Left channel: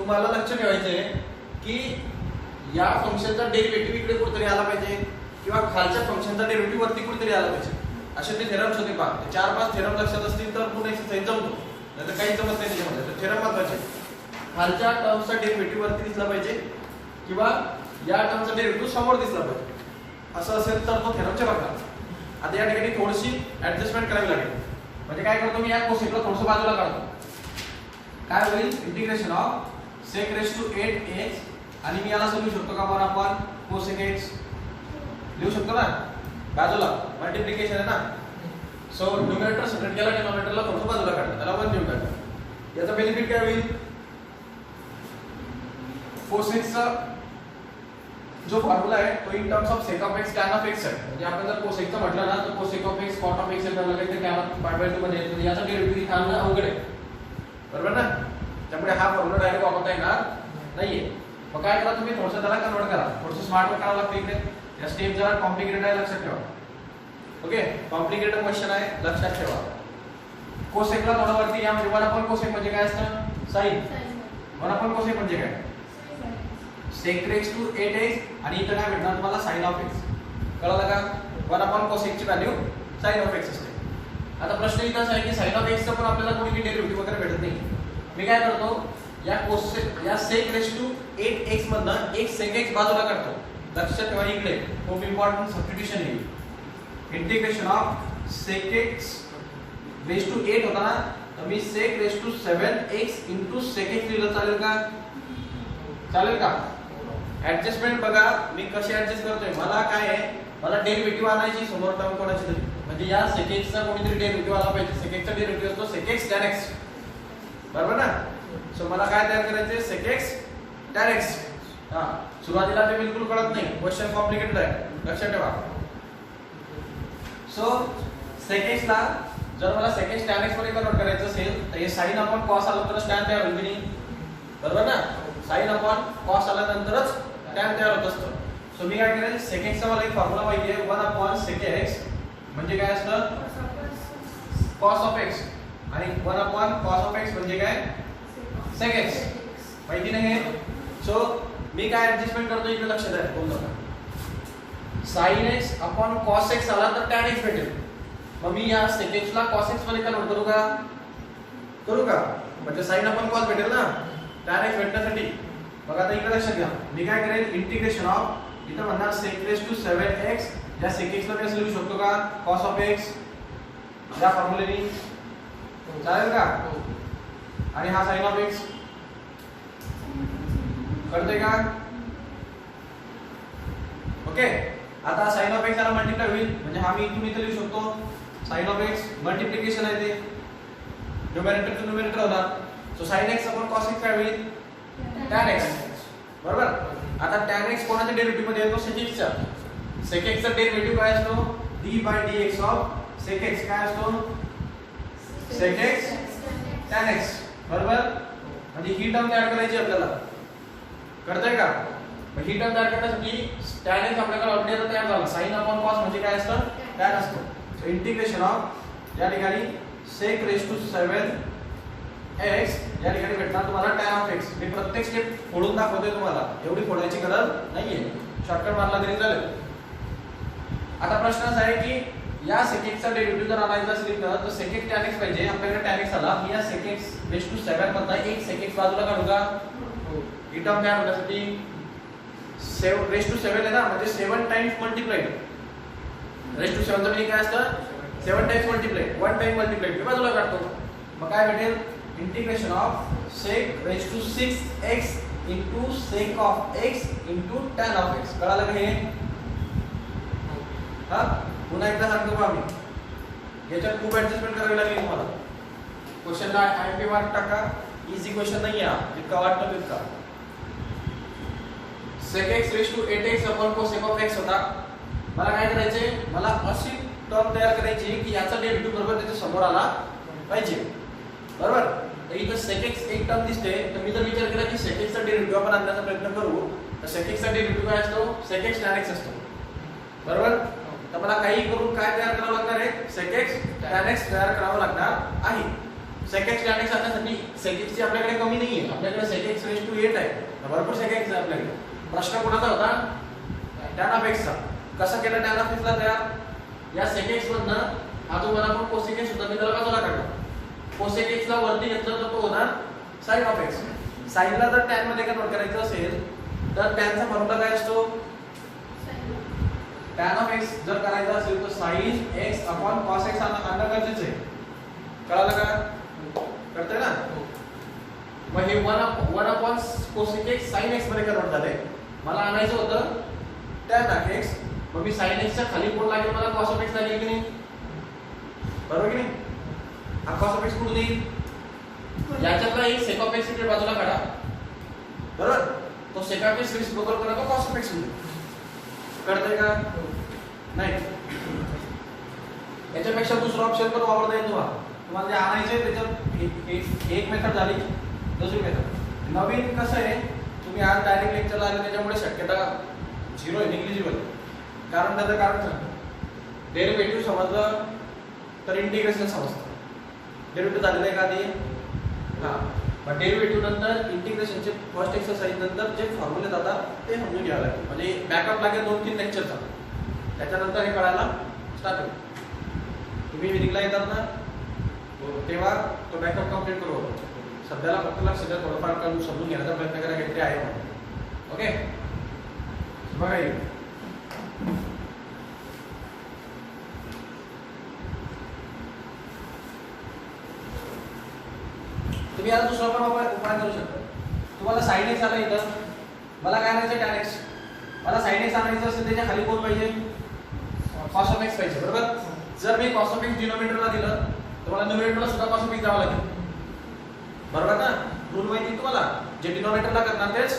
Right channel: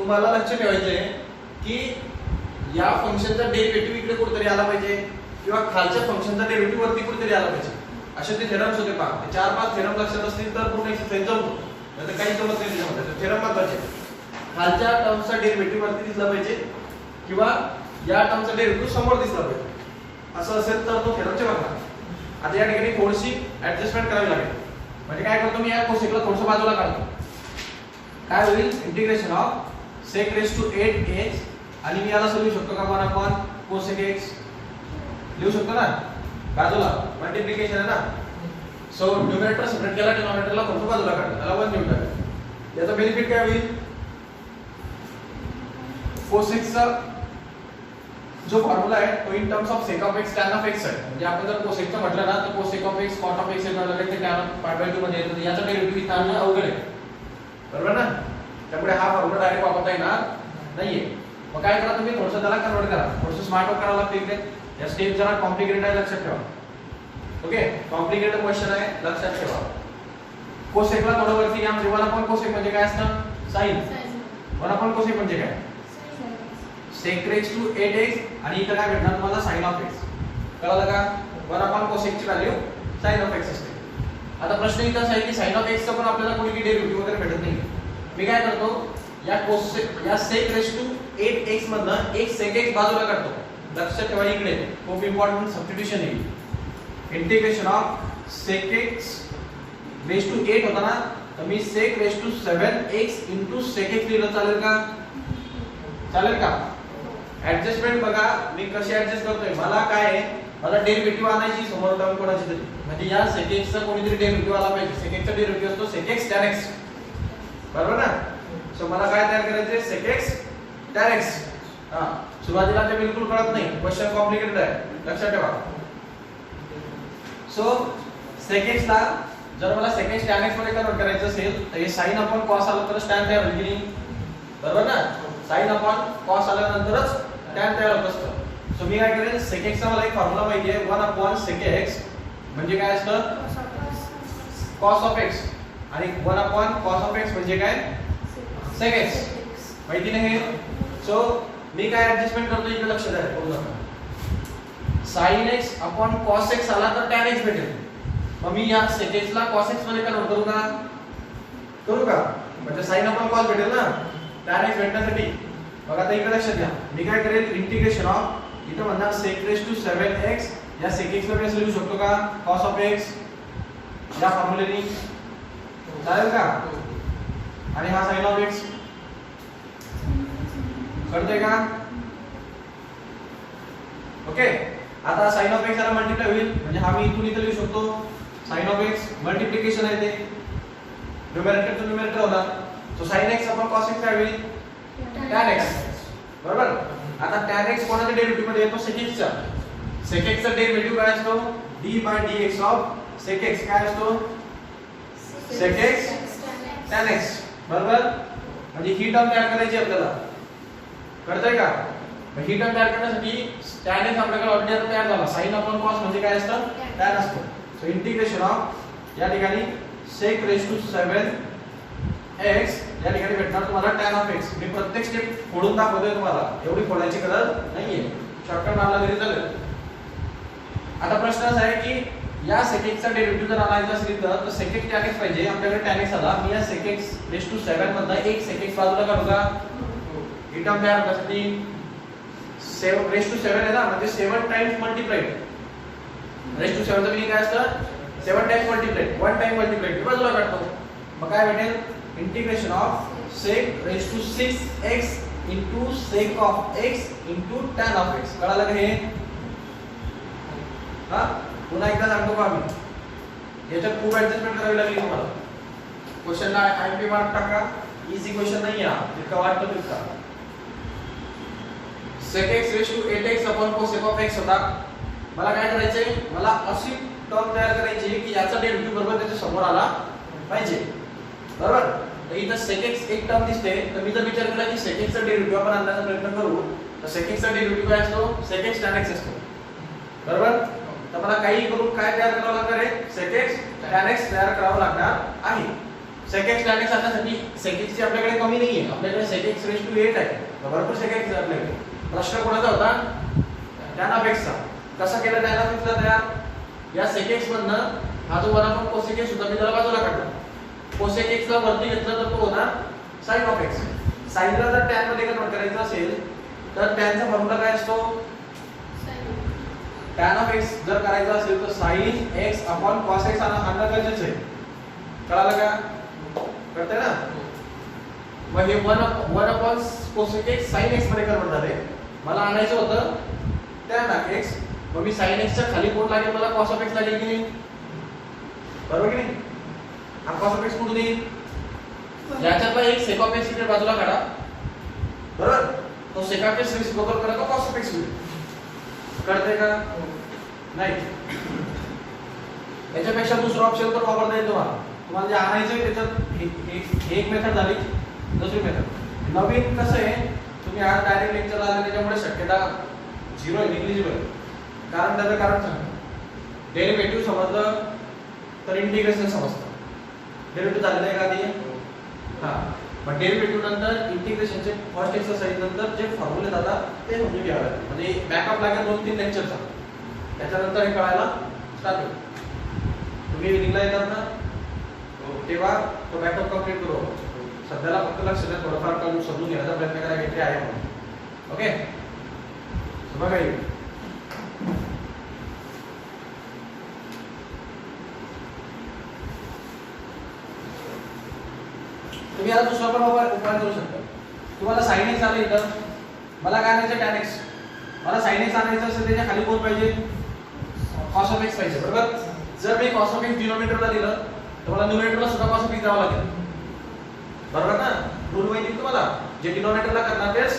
तुम्हाला लक्ष ठेवायचं आहे की या फंक्शनचा डेरिव्हेटिव्ह इकडे कुठेतरी आला पाहिजे किंवा खालच्या फंक्शनचा डेरिव्हेटिव्ह वरती कुठेतरी आला पाहिजे. असे ते थेरम्स होते पहा. 4-5 थेरम लक्षात असतील तर पूर्ण एक्सरसाइज जमतो. नाहीतर काही जमत नाही त्याच्यामध्ये. तर थेरम महत्वाचे. खालच्या टर्मचा डेरिव्हेटिव्ह वरती दिसला पाहिजे किंवा या टर्मचा डेरिव्हेटिव्ह समोर दिसला पाहिजे. असं असेल तर तो थेरमचे बघा. आता या ठिकाणी थोडीशी ऍडजस्टमेंट करावी लागेल. म्हणजे काय करतो मी या कोसेकला थोडंसं बाजूला काढतो. काय होईल integration of sec raised to 8x आणि मी याला लिहू शकतो का 1 upon cosec x लिहू शकतो ना बाजूला मल्टिप्लिकेशन आहे ना. सो न्यूमरेटर सेपरेट केला डिनॉमिनेटरला थोडं बाजूला काढलं त्याला 1 लिहून टाकलं. याचा बेनिफिट काय होईल cosec चा जो फॉर्म्युला आहे तो in terms of sec of x tan of x आहे. म्हणजे आपण जर cosec चा म्हटलं ना तर cosec of x cot of x हे ठरलं ते tan of pi/2 मध्ये येतं. याचा डेरिव्हेटिव्ह इथे आणणं अवघड आहे बरोबर ना. त्यामुळे हा फॉर्म्युला डायरेक्ट वापरता येणार नाहीये. मग काय करा तुम्ही थोडंसं त्याला कन्वर्ट करा. थोडंसं स्मार्ट वर्क करावं लागतं इथे. या स्टेप जरा कॉम्प्लिकेटेड आहे लक्षात ठेवा. ओके कॉम्प्लिकेटेड क्वेश्चन आहे लक्षात ठेवा. कोसेकला थोडं वरती या म्हणजे 1 upon cosec म्हणजे काय असतं sin. 1 upon cosec म्हणजे काय sec raised to 8x आणि इथं काय भेटणार तुम्हाला sin of x. कळलं का 1 upon cosec ची व्हॅल्यू sin of x असते. आता प्रश्न इथं असा आहे की sin of x चा पण आपल्याला कोणती डेरिव्हेटिव्ह वगैरे भेटत नाही. मी काय करतो या sec raised to 8x मधनं एक sec x बाजूला काढतो. लक्षात ठेवा इकडे खूप इम्पॉर्टंट सबस्टिट्यूशन आहे. Integration of sec x raised to 8 होता ना तर मी sec raised to 7x into sec x लिहिलं चालेल का चालेल का. ऍडजस्टमेंट बघा मी कशी ऍडजस्ट करतोय. मला काय आहे मला डेरिव्हेटिव्ह आणायची समोर टर्म कोणाची तरी म्हणजे या sec x चा कोणीतरी डेरिव्हेटिव्ह आला पाहिजे. sec x चा डेरिव्हेटिव्ह असतो sec x tan x बरोबर ना. सो मला काय तयार करायचे sec x tan x. हां सुरुवातीला ते बिलकुल कळत नाही. क्वेश्चन कॉम्प्लिकेटेड आहे लक्षात ठेवा. सो sec x ला जर मला sec x tan x मध्ये कन्वर्ट करायचं असेल तर हे sin upon cos आलं तरच tan तयार होईल की नाही बरोबर ना. sin upon cos आल्यानंतरच tan तयार होत असतं. सो मी काय करेन sec x चा मला एक फॉर्म्युला माहिती आहे 1 upon sec x म्हणजे काय असतं cos of x आणि 1 upon cos of x म्हणजे काय sec x माहिती नाही. सो मी काय ऍडजस्टमेंट करतो इथे लक्षात आहे बघा. sin x upon cos x आला तर tan x भेटेल. मग मी या sec x ला cos x मध्ये कन्वर्ट करू का म्हणजे sin upon cos भेटेल ना tan x भेटण्यासाठी. बघा आता इकडे लक्षात घ्या मी काय करेल इंटिग्रेशन ऑफ इथं म्हणणार sec raised to 7x या sec x ला मी असं लिहू शकतो का cos of x या फॉर्म्युलेनी चालेल का आणि हा sin of x कळतंय का. ओके आता sin of x ला मल्टिप्लाय होईल म्हणजे हा मी इथून इथे लिहू शकतो sin of x मल्टिप्लिकेशन आहे ते न्यूमरेटर टू न्यूमरेटर होणार. So sin x upon cos x काय होईल tan x बरोबर. आता tan x कोणाच्या डेरिव्हेटिव्ह मध्ये येतो sec x चा. sec x चा डेरिव्हेटिव्ह काय असतो d/dx ऑफ sec x काय असतो sec x tan x बरोबर. म्हणजे ही टर्म तयार करायची आपल्याला कळतंय का. मग ही टर्म तयार करण्यासाठी tan x आपल्याकडे ऑलरेडी तयार झाला. sin upon cos म्हणजे काय असतं tan असतं. सो इंटिग्रेशन ऑफ या ठिकाणी sec raised to 7x या ठिकाणी भेटणार तुम्हाला tan of x. मी प्रत्येक स्टेप फोडून दाखवतोय तुम्हाला एवढी फोडायची गरज नाहीये शॉर्टकट मारला तरी चालेल. आता प्रश्न असा आहे की या sec x चा डेरिव्हेटिव्ह जर आणायचा असेल तर sec x tan x पाहिजे. आपल्याकडे tan x आला मी या sec x raised to 7 मधनं एक sec x बाजूला काढू का ही टर्म तयार होण्यासाठी 7 raised to 7 आहे ना म्हणजे 7 टाइम्स मल्टिप्लाइड raised to 7 चा मीनिंग काय असतं 7 टाइम्स मल्टिप्लाइड 1 टाइम मल्टिप्लाइड मी बाजूला काढतो. मग काय भेटेल integration of sec raised to 6x into sec of x into tan of x. कळालं का हे. हां पुन्हा एकदा सांगतो का मी याच्यात खूप ऍडजस्टमेंट करावी लागेल तुम्हाला. क्वेश्चनला आयएमपी मार्क टाका. इझी क्वेश्चन नाही आहे इतका वाटतं तितका. sec x raised to 8x upon cosec of x होता. मला काय करायचंय मला अशी टर्म तयार करायची की याचा डेरिव्हेटिव्ह बरोबर त्याच्या समोर आला पाहिजे बरोबर. तर इथं sec x एक टर्म दिसते तर मी जर विचार केला की sec x चा डेरिव्हेटिव्ह आपण आणण्याचा प्रयत्न करू तर sec x चा डेरिव्हेटिव्ह काय असतो sec x tan x असतो बरोबर. तर मला काही करून काय तयार करावं लागणार आहे sec x tan x तयार करावं लागणार आहे. sec x tan x आणण्यासाठी sec x ची आपल्याकडे कमी नाहीये, आपल्याकडे sec x raised to 8 आहे, भरपूर sec x आहे आपल्याकडे. प्रश्न कोणाचा होता? tan of x चा. कसं केलं tan of x ला तयार? या sec x मधनं हा जो 1 अपॉन cosec x होता मी त्याला बाजूला काढला. cosec x ला वरती घेतलं तर तो होता sin of x. sin ला जर tan मध्ये कन्वर्ट करायचं असेल तर tan चा फॉर्म्युला काय असतो? tan of x जर करायचं असेल तर sin x upon cos x आणणं गरजेचं आहे. कळालं का? कळतंय ना? मग हे 1 upon cosec x sin x मध्ये कन्वर्ट झाले. मला आणायचं होतं tan of x. मग मी sin x च्या खाली कोण लागेल? मला cos of x लागेल की नाही? बरोबर की नाही? हा cos of x कुठून येईल? याच्यातला एक sec of x इकडे बाजूला काढा. बरोबर? तो sec of x रिसिप्रोकल करा तो cos of x होईल. कळतंय का? नाही. याच्यापेक्षा दुसरा ऑप्शन पण वापरता येतो तुम्हाला. तुम्हाला जे आणायचे त्याच्यात एक मेथड झाली, दुसरी मेथड. नवीन कसं आहे? तुम्ही आज डायरेक्ट लेक्चर आले त्याच्यामुळे शक्यता 0 आहे, निग्लिजिबल. कारण त्याचं कारण सांग. डेरिव्हेटिव्ह समजलं तर इंटिग्रेशन समजतं. डेरिव्हेटिव्ह झालेलं आहे का आधी? हां. मग डेरिव्हेटिव्ह नंतर इंटिग्रेशनचे फर्स्ट एक्सरसाइज नंतर जे फॉर्म्युले जातात ते समजून घ्यावे लागतील. म्हणजे बॅकअप लागेल 2-3 लेक्चरचा. त्याच्यानंतर हे कळायला स्टार्ट होईल. तुम्ही विधिकला येतात ना तेव्हा तो बॅकअप कंप्लीट करू. सध्याला फक्त लक्ष द्या, थोडंफार करून समजून घ्यायचा प्रयत्न करा की आहे म्हणून. ओके, बघा हे तुम्ही आता दुसरा पण उपाय करू शकता. तुम्हाला sin x आलं इथं, मला काय आणायचं tan x. मला sin x आणायचं असेल त्याच्या खाली कोण पाहिजे? cos of x पाहिजे. बरोबर? जर मी cos of x डिनॉमिनेटरला दिलं तर मला न्यूमरेटरला सुद्धा cos of x द्यावं लागेल. बरोबर ना? रूल माहिती तुम्हाला, जे डिनॉमिनेटरला करणार तेच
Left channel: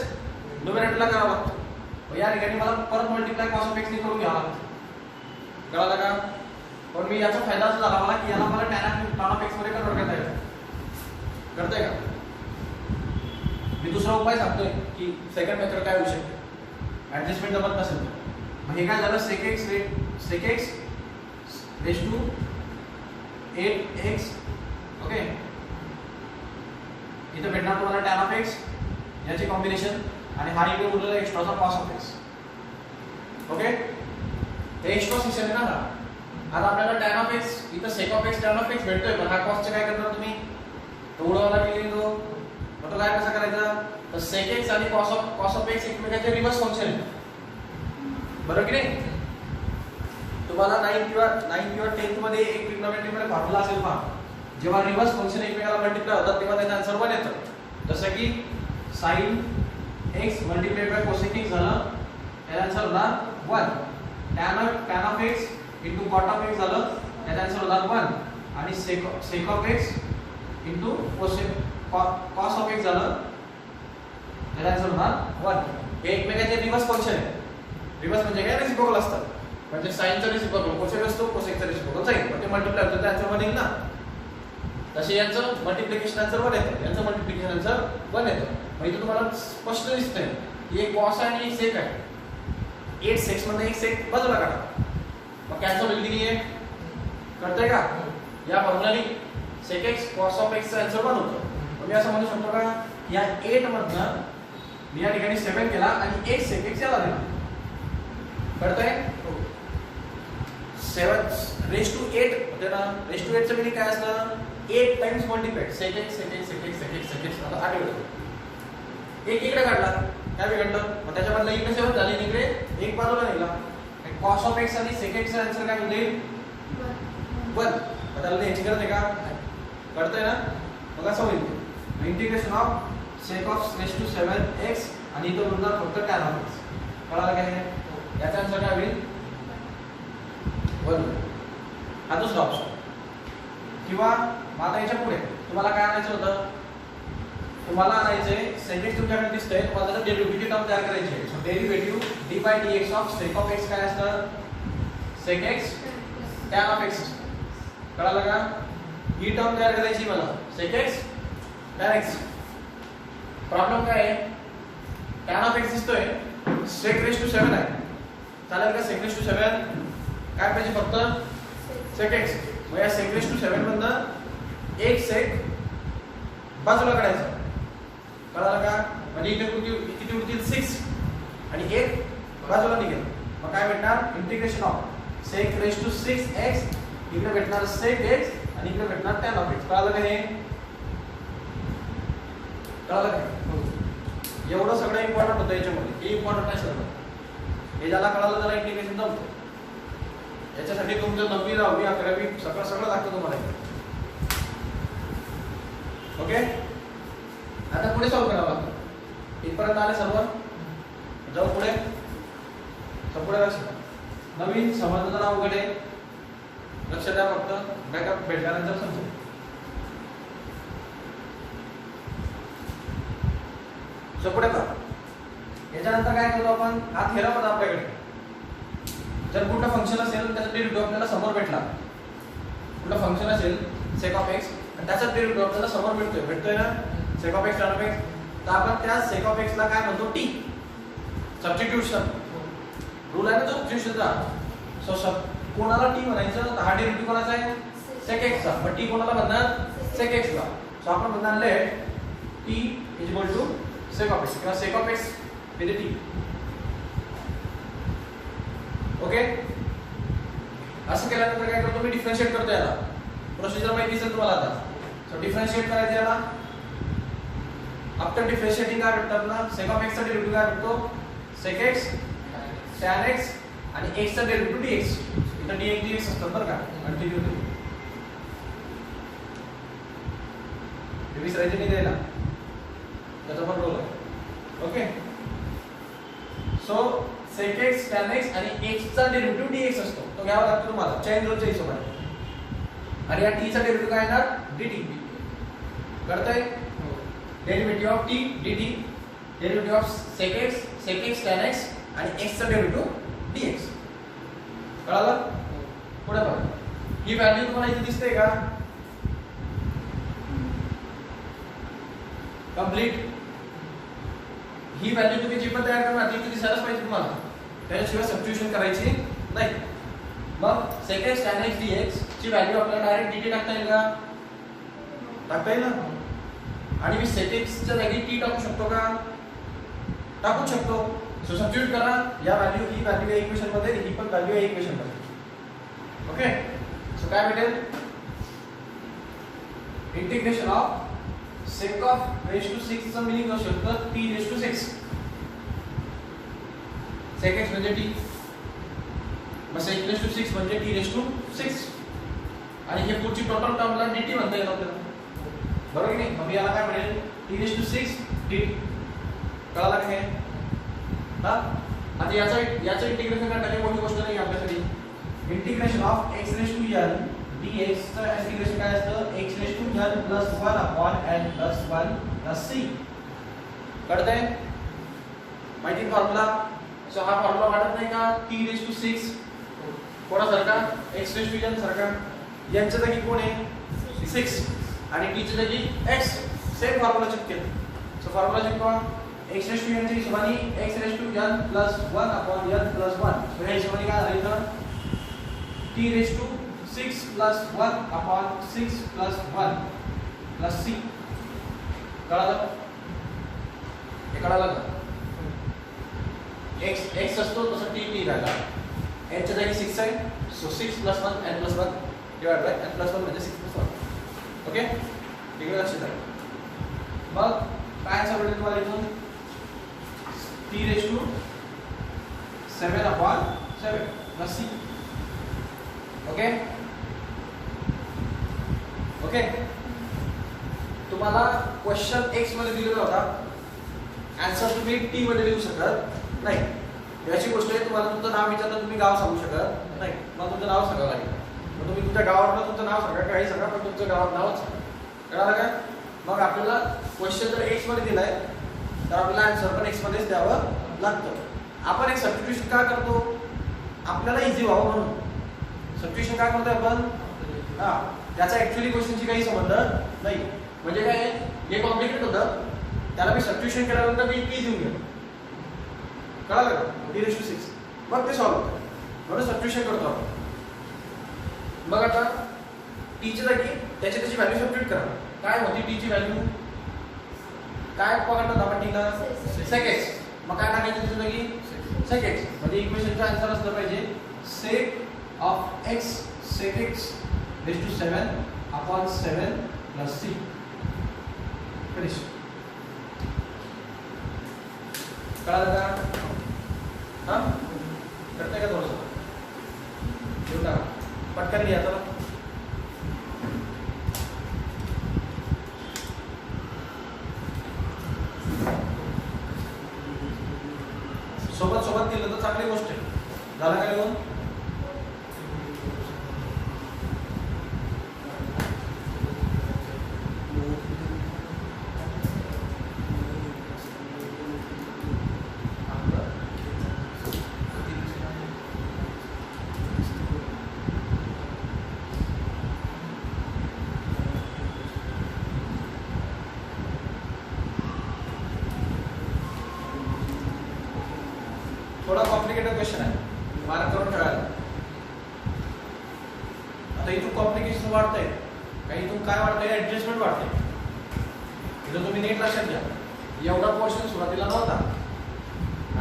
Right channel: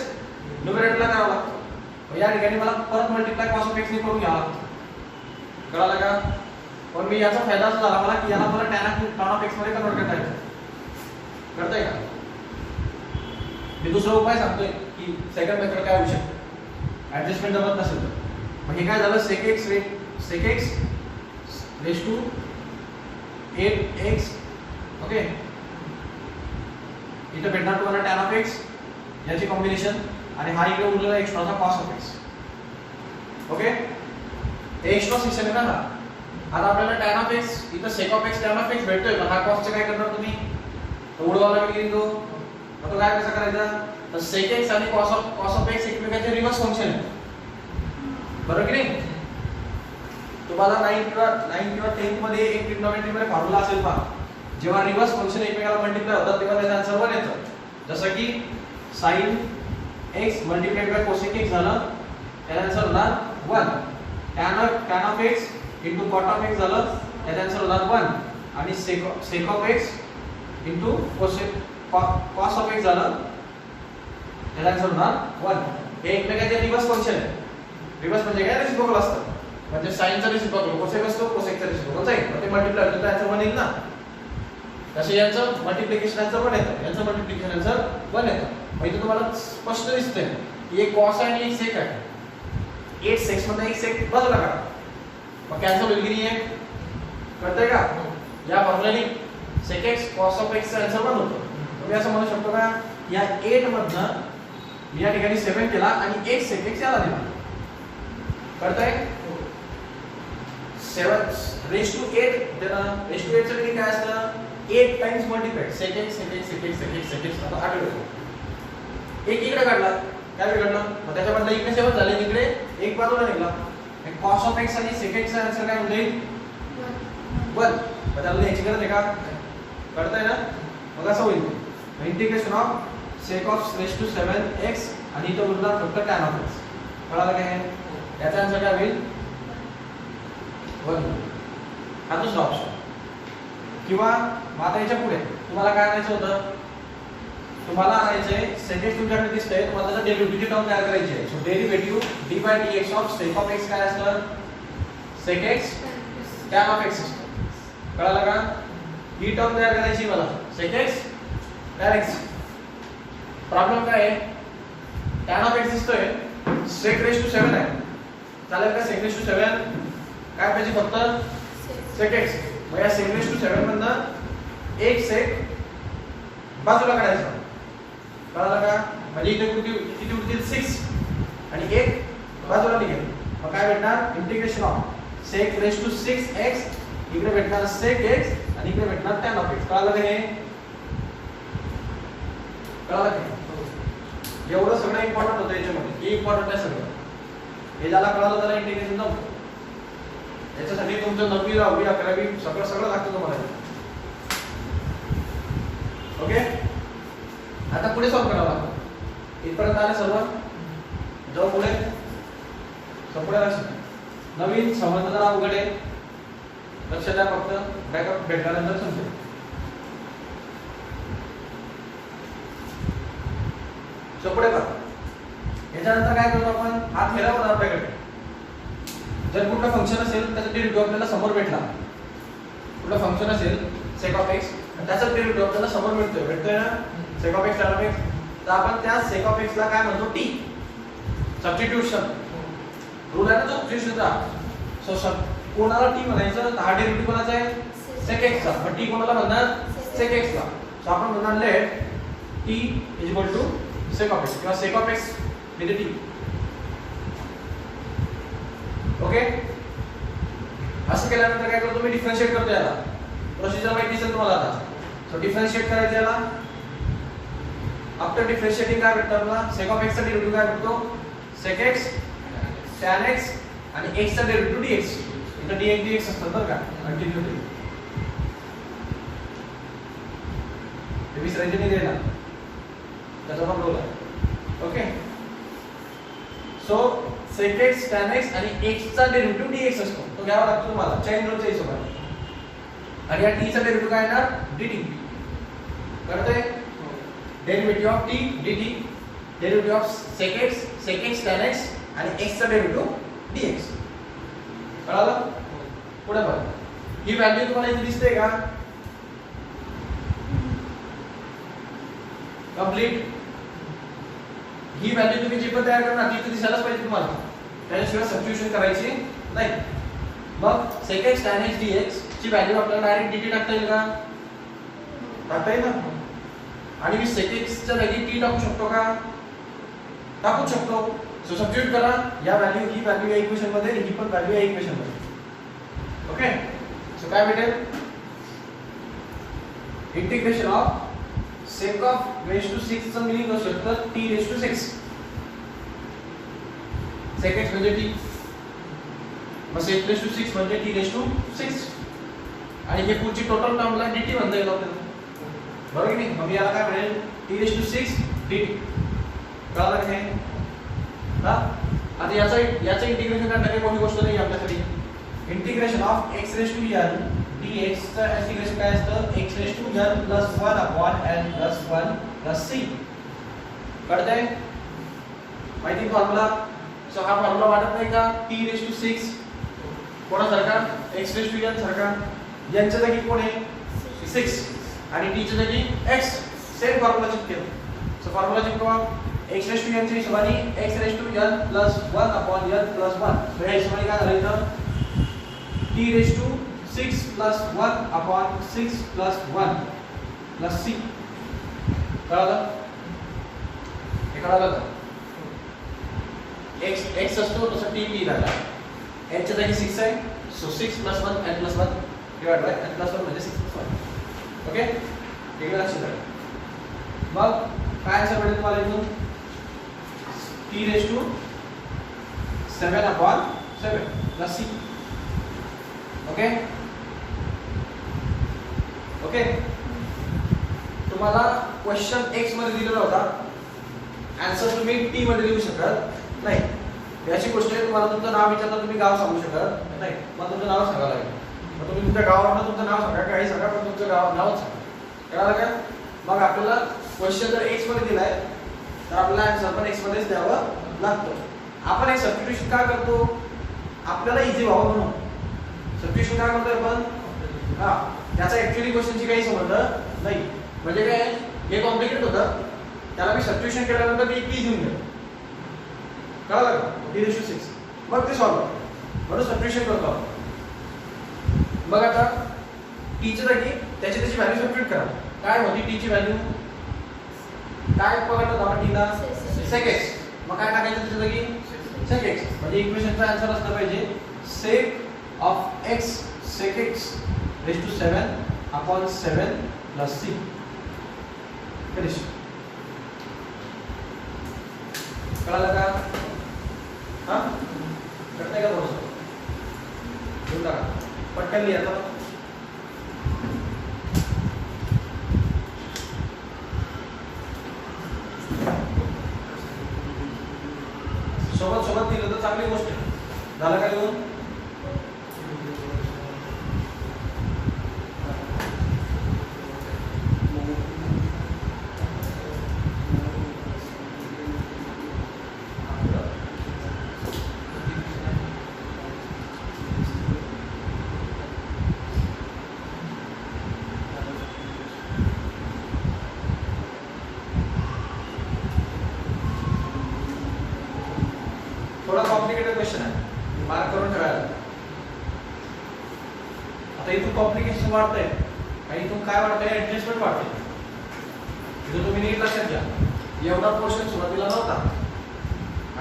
न्यूमरेटरला करावं लागतं. या ठिकाणी मला परत मल्टिप्लाय cos of x ने करून घ्यावं लागतं. कळालं का? पण मी याचा फायदा असा झाला मला की याला मला tan of x मध्ये कन्वर्ट करता येतं. कळतंय का? मी दुसरा उपाय सांगतोय की सेकंड मेथड काय होऊ शकते. ऍडजस्टमेंट जमत नसेल म्हणजे काय झालं? sec x raised to 8x. Okay, इथं भेटणार तुम्हाला tan of x याची कॉम्बिनेशन आणि हा इकडे उरलेला एक्स्ट्राचा cos of x. ओके, हे एक्स्ट्रा सिस्टम आहे ना हा. आता आपल्याला tan of x इथं sec of x tan of x भेटतोय पण हा cos चे काय करणार तुम्ही? उडवायला लागेल तो. मग काय कसं करायचं? तर sec x आणि cos of x एकमेकांचे रिव्हर्स फंक्शन आहे. बरोबर की नाही? तुम्हाला 9 किंवा 10th मध्ये एक ट्रिग्नोमेट्री मध्ये फॉर्म्युला असेल पहा. जेव्हा रिव्हर्स फंक्शन एकमेकाला मल्टिप्लाय होतात तेव्हा त्याचा आन्सर 1 येतो. जसं की sin x multiplied by cosec x झालं त्याचा आन्सर होणार 1. tan of x into cot of x झालं त्याचा आन्सर होणार 1 आणि sec of x into cos of x झालं त्याचा आन्सर होणार 1. हे एकमेकांचे रिव्हर्स फंक्शन आहे. रिव्हर्स म्हणजे काय? रेसिप्रोकल असतं. म्हणजे sin चा रेसिप्रोकल cosec असतो, cosec चा रेसिप्रोकल sin. मग ते मल्टिप्लाय होतं तर आन्सर 1 येईल ना. तसे यांचं मल्टिप्लिकेशन आन्सर 1 येतं, यांचं मल्टिप्लिकेशन आन्सर 1 येतं. मग इथे तुम्हाला स्पष्ट दिसतंय की एक cos आहे आणि एक sec आहे. 8 sec मधनं एक sec बाजूला काढा. मग कॅन्सल होईल की नाही? कळतंय का? या फॉर्म्युलाने sec x cos of x चा आन्सर 1 होतो. तुम्ही असं म्हणू शकतो का या 8 मधनं मी या ठिकाणी 7 केला आणि एक sec x याला दिला. कळतंय? 7 raised to 8 देणं. raised to 8 चं म्हणजे काय असतं? 8 टाइम्स मल्टिप्लाइड sec x. आता आठ होतो. एक इकडे काढला काय बिघडलं? मग त्याच्यामधलं इकडे 7 झाले, इकडे एक बाजूला निघाला. cos of x आणि sec x चा आन्सर काय होईल? 1. बदलले याची गरज आहे का? कळतंय ना? मग असं होईल integration of sec of raised to 7x आणि इथं उरला फक्त tan of x. कळालं काय? याचा आन्सर काय होईल? 1. हा दुसरा ऑप्शन. किंवा आता याच्या पुढे तुम्हाला काय आणायचं होतं? तुम्हाला आणायचंय sec x तुमच्याकडे दिसतंय, तुम्हाला त्याचं डेरिव्हेटिव्हची टर्म तयार करायची आहे. So derivative d/dx of sec of x काय असतं? sec x tan of x. कळालं का? ही टर्म तयार करायची मला sec x tan x. Problem काय आहे? tan of x दिसतोय, sec raised to 7 आहे. चालेल का? sec raised to 7 काय पाहिजे? फक्त sec x. मग या sec raised to 7 मधनं एक sec बाजूला काढायचं. कळालं का? म्हणजे इथे किती उरतील 6 आणि एक बाजूला निघेल. मग काय भेटणार? Integration of sec raised to 6x, इकडे भेटणार sec x आणि इकडे भेटणार tan of x. कळालं का हे? कळालं का? एवढं सगळं इम्पॉर्टंट होतं याच्यामध्ये. हे इम्पॉर्टंट आहे सगळं. हे ज्याला कळालं त्याला इंटिग्रेशन जमतं. याच्यासाठी तुमचं 9वी 10वी 11वी सगळं लागतं तुम्हाला. ओके, आता पुढे सॉल्व करावं लागतं. इथपर्यंत आले सर्व. जाऊ पुढे. पुढे लक्ष द्या. नवीन समजणं जरा अवघड आहे. लक्ष द्या फक्त. बॅकअप भेटल्यानंतर समजेल. पुढे का याच्यानंतर काय करतो आपण? हा थेरम होता आपल्याकडे. जर कुठलं फंक्शन असेल त्याचा डेरिव्हेटिव्ह आपल्याला समोर भेटला. कुठलं फंक्शन असेल sec of x त्याचा डेरिव्हेटिव्ह आपल्याला समोर भेटतोय ना, sec of x tan of x. तर आपण त्या sec of x ला काय म्हणतो? t. सबस्टिट्यूशन रूल आहे ना सबस्टिट्यूशनचा. सो कोणाला t म्हणायचं? हा डेरिव्हेटिव्ह कोणाचा आहे? sec x चा. मग t कोणाला म्हणणार? sec x ला. सो आपण म्हणणार late t = sec of x किंवा sec of x with t. Okay, असं केल्यानंतर काय करतो मी? डिफरन्शिएट करतो याला. प्रोसिजर माहिती असेल तुम्हाला आता. सो डिफरन्शिएट करायचं याला. आफ्टर डिफरन्शिएटिंग काय भेटतं आपल्याला? sec of x चा डेरिव्हेटिव्ह काय भेटतो? sec x tan x आणि x चा डेरिव्हेटिव्ह dx. इथं dx dx असतं बरं का? कंटिन्यू होतो. हे विसरायचं नाही द्यायला. त्याचा पण रोल आहे. Okay, so sec x tan x आणि x चा डेरिव्हेटिव्ह dx असतो. तो घ्यावा लागतो तुम्हाला चेन रूलच्या हिशोबाने. आणि या t चा डेरिव्हेटिव्ह काय येणार? dt. कळतंय? Derivative of t dt, derivative of sec x tan x आणि x चा डेरिव्हेटिव्ह dx. कळालं? पुढे बघा. ही व्हॅल्यू तुम्हाला इथे दिसते का? कंप्लीट. ही व्हॅल्यू तुम्ही जी पण तयार करणार ती दिसायलाच पाहिजे तुम्हाला. त्याच्याशिवाय सबस्टिट्यूशन करायची नाही. मग sec x tan x dx ची व्हॅल्यू आपल्याला डायरेक्ट dt टाकता येईल का? टाकता येईल ना. आणि मी sec x च्या जागी t टाकू शकतो का? टाकू शकतो. सो सबस्टिट्यूट करा. या व्हॅल्यू ही व्हॅल्यू या इक्वेशन मध्ये, ही पण व्हॅल्यू या इक्वेशन मध्ये. ओके, सो काय भेटेल? Integration of sec of raised to 6 चा मिनिंग करू शकतो t raised to 6. sec x म्हणजे t, मग sec raised to 6 म्हणजे t raised to 6. आणि हे पुढची टोटल टर्मला dt म्हणता येईल आपल्याला. बरोबर की नाही? मग याला काय मिळेल? t raised to 6 dt. कळालं की नाही? हा, आता याचं इंटिग्रेशन करण्याची मोठी गोष्ट नाही आपल्यासाठी. Integration of x raised to n dx चा इंटिग्रेशन काय असतं? x raised to n plus 1 upon n plus 1 plus c. कळतंय? माहिती फॉर्म्युला. सो हा फॉर्म्युला वाटत नाही का? t raised to 6 कोणासारखा? x raised to n सारखा. n च्या जागी कोण आहे? 6 आणि t च्या जागी x. सेम फॉर्म्युला चिपकेल. सो फॉर्म्युला चिपकवा. x raised to n च्या हिशोबाने x raised to n plus 1 upon n plus 1. So या हिशोबाने काय झालं इथं? t raised to 6 plus 1 upon 6 plus 1 plus c. कळालं? हे कळालं का? x असतो तसं t लिहायला. n च्या जागी 6 आहे. So 6 plus 1 n plus 1 divide by n plus 1 म्हणजे 6 plus 1. ओके, हे लक्षात ठेवा. मग काय आन्सर भेटेल तुम्हाला इथून? t raised to 7 upon 7 plus c. Okay, okay. तुम्हाला क्वेश्चन x मध्ये दिलेला होता. आन्सर तुम्ही t मध्ये लिहू शकत नाही. याची गोष्ट आहे, तुम्हाला तुमचं नाव विचारलं तुम्ही गाव सांगू शकत नाही. मग तुमचं नाव सांगावं लागेल. मग तुम्ही तुमच्या गावावरून तुमचं नाव सांगा, काही सांगा, पण तुमचं नावच सांगा. कळालं का? मग आपल्याला क्वेश्चन जर x मध्ये दिलाय तर आपल्याला आन्सर पण x मध्येच द्यावं लागतं. आपण एक सबस्टिट्यूशन का करतो? आपल्याला इझी व्हावं म्हणून. सबस्टिट्यूशन काय म्हणतो आपण? हा, त्याचा ऍक्च्युअली क्वेश्चनची काही संबंध नाही. म्हणजे काय, हे कॉम्प्लिकेटेड होतं, त्याला मी सबस्टिट्यूशन केल्यानंतर मी की घेऊन गेलो. कळलं का? t raised to 6. मग ते सॉल्व म्हणून सबस्टिट्यूशन करतो आपण. मग आता t च्या जागी त्याची व्हॅल्यू सबस्टिट्यूट करा. काय होती t ची व्हॅल्यू? काय पकडतो आपण ठीका sec x, मग काय टाकायचं त्याच्या जागी sec x, म्हणजे इक्वेशनचा आन्सर असला पाहिजे sec of x sec x raised to 7 upon 7 plus c. Finish. कळलं का? हां करते का थोडंसं घेऊन टाका पटकन लिहा चला. सोबत सोबत दिलं तर चांगली गोष्ट आहे. झालं का लिहून? थोड़ा कॉम्प्लिकेटेड क्वेश्चन आहे, मार्क करून ठेवायला. आता इथून कॉम्प्लिकेशन वाढतंय आणि इथून काय वाढतंय ऍडजस्टमेंट वाढतंय. इथं तुम्ही नीट लक्षात घ्या, एवढा पोर्शन सुरुवातीला नव्हता,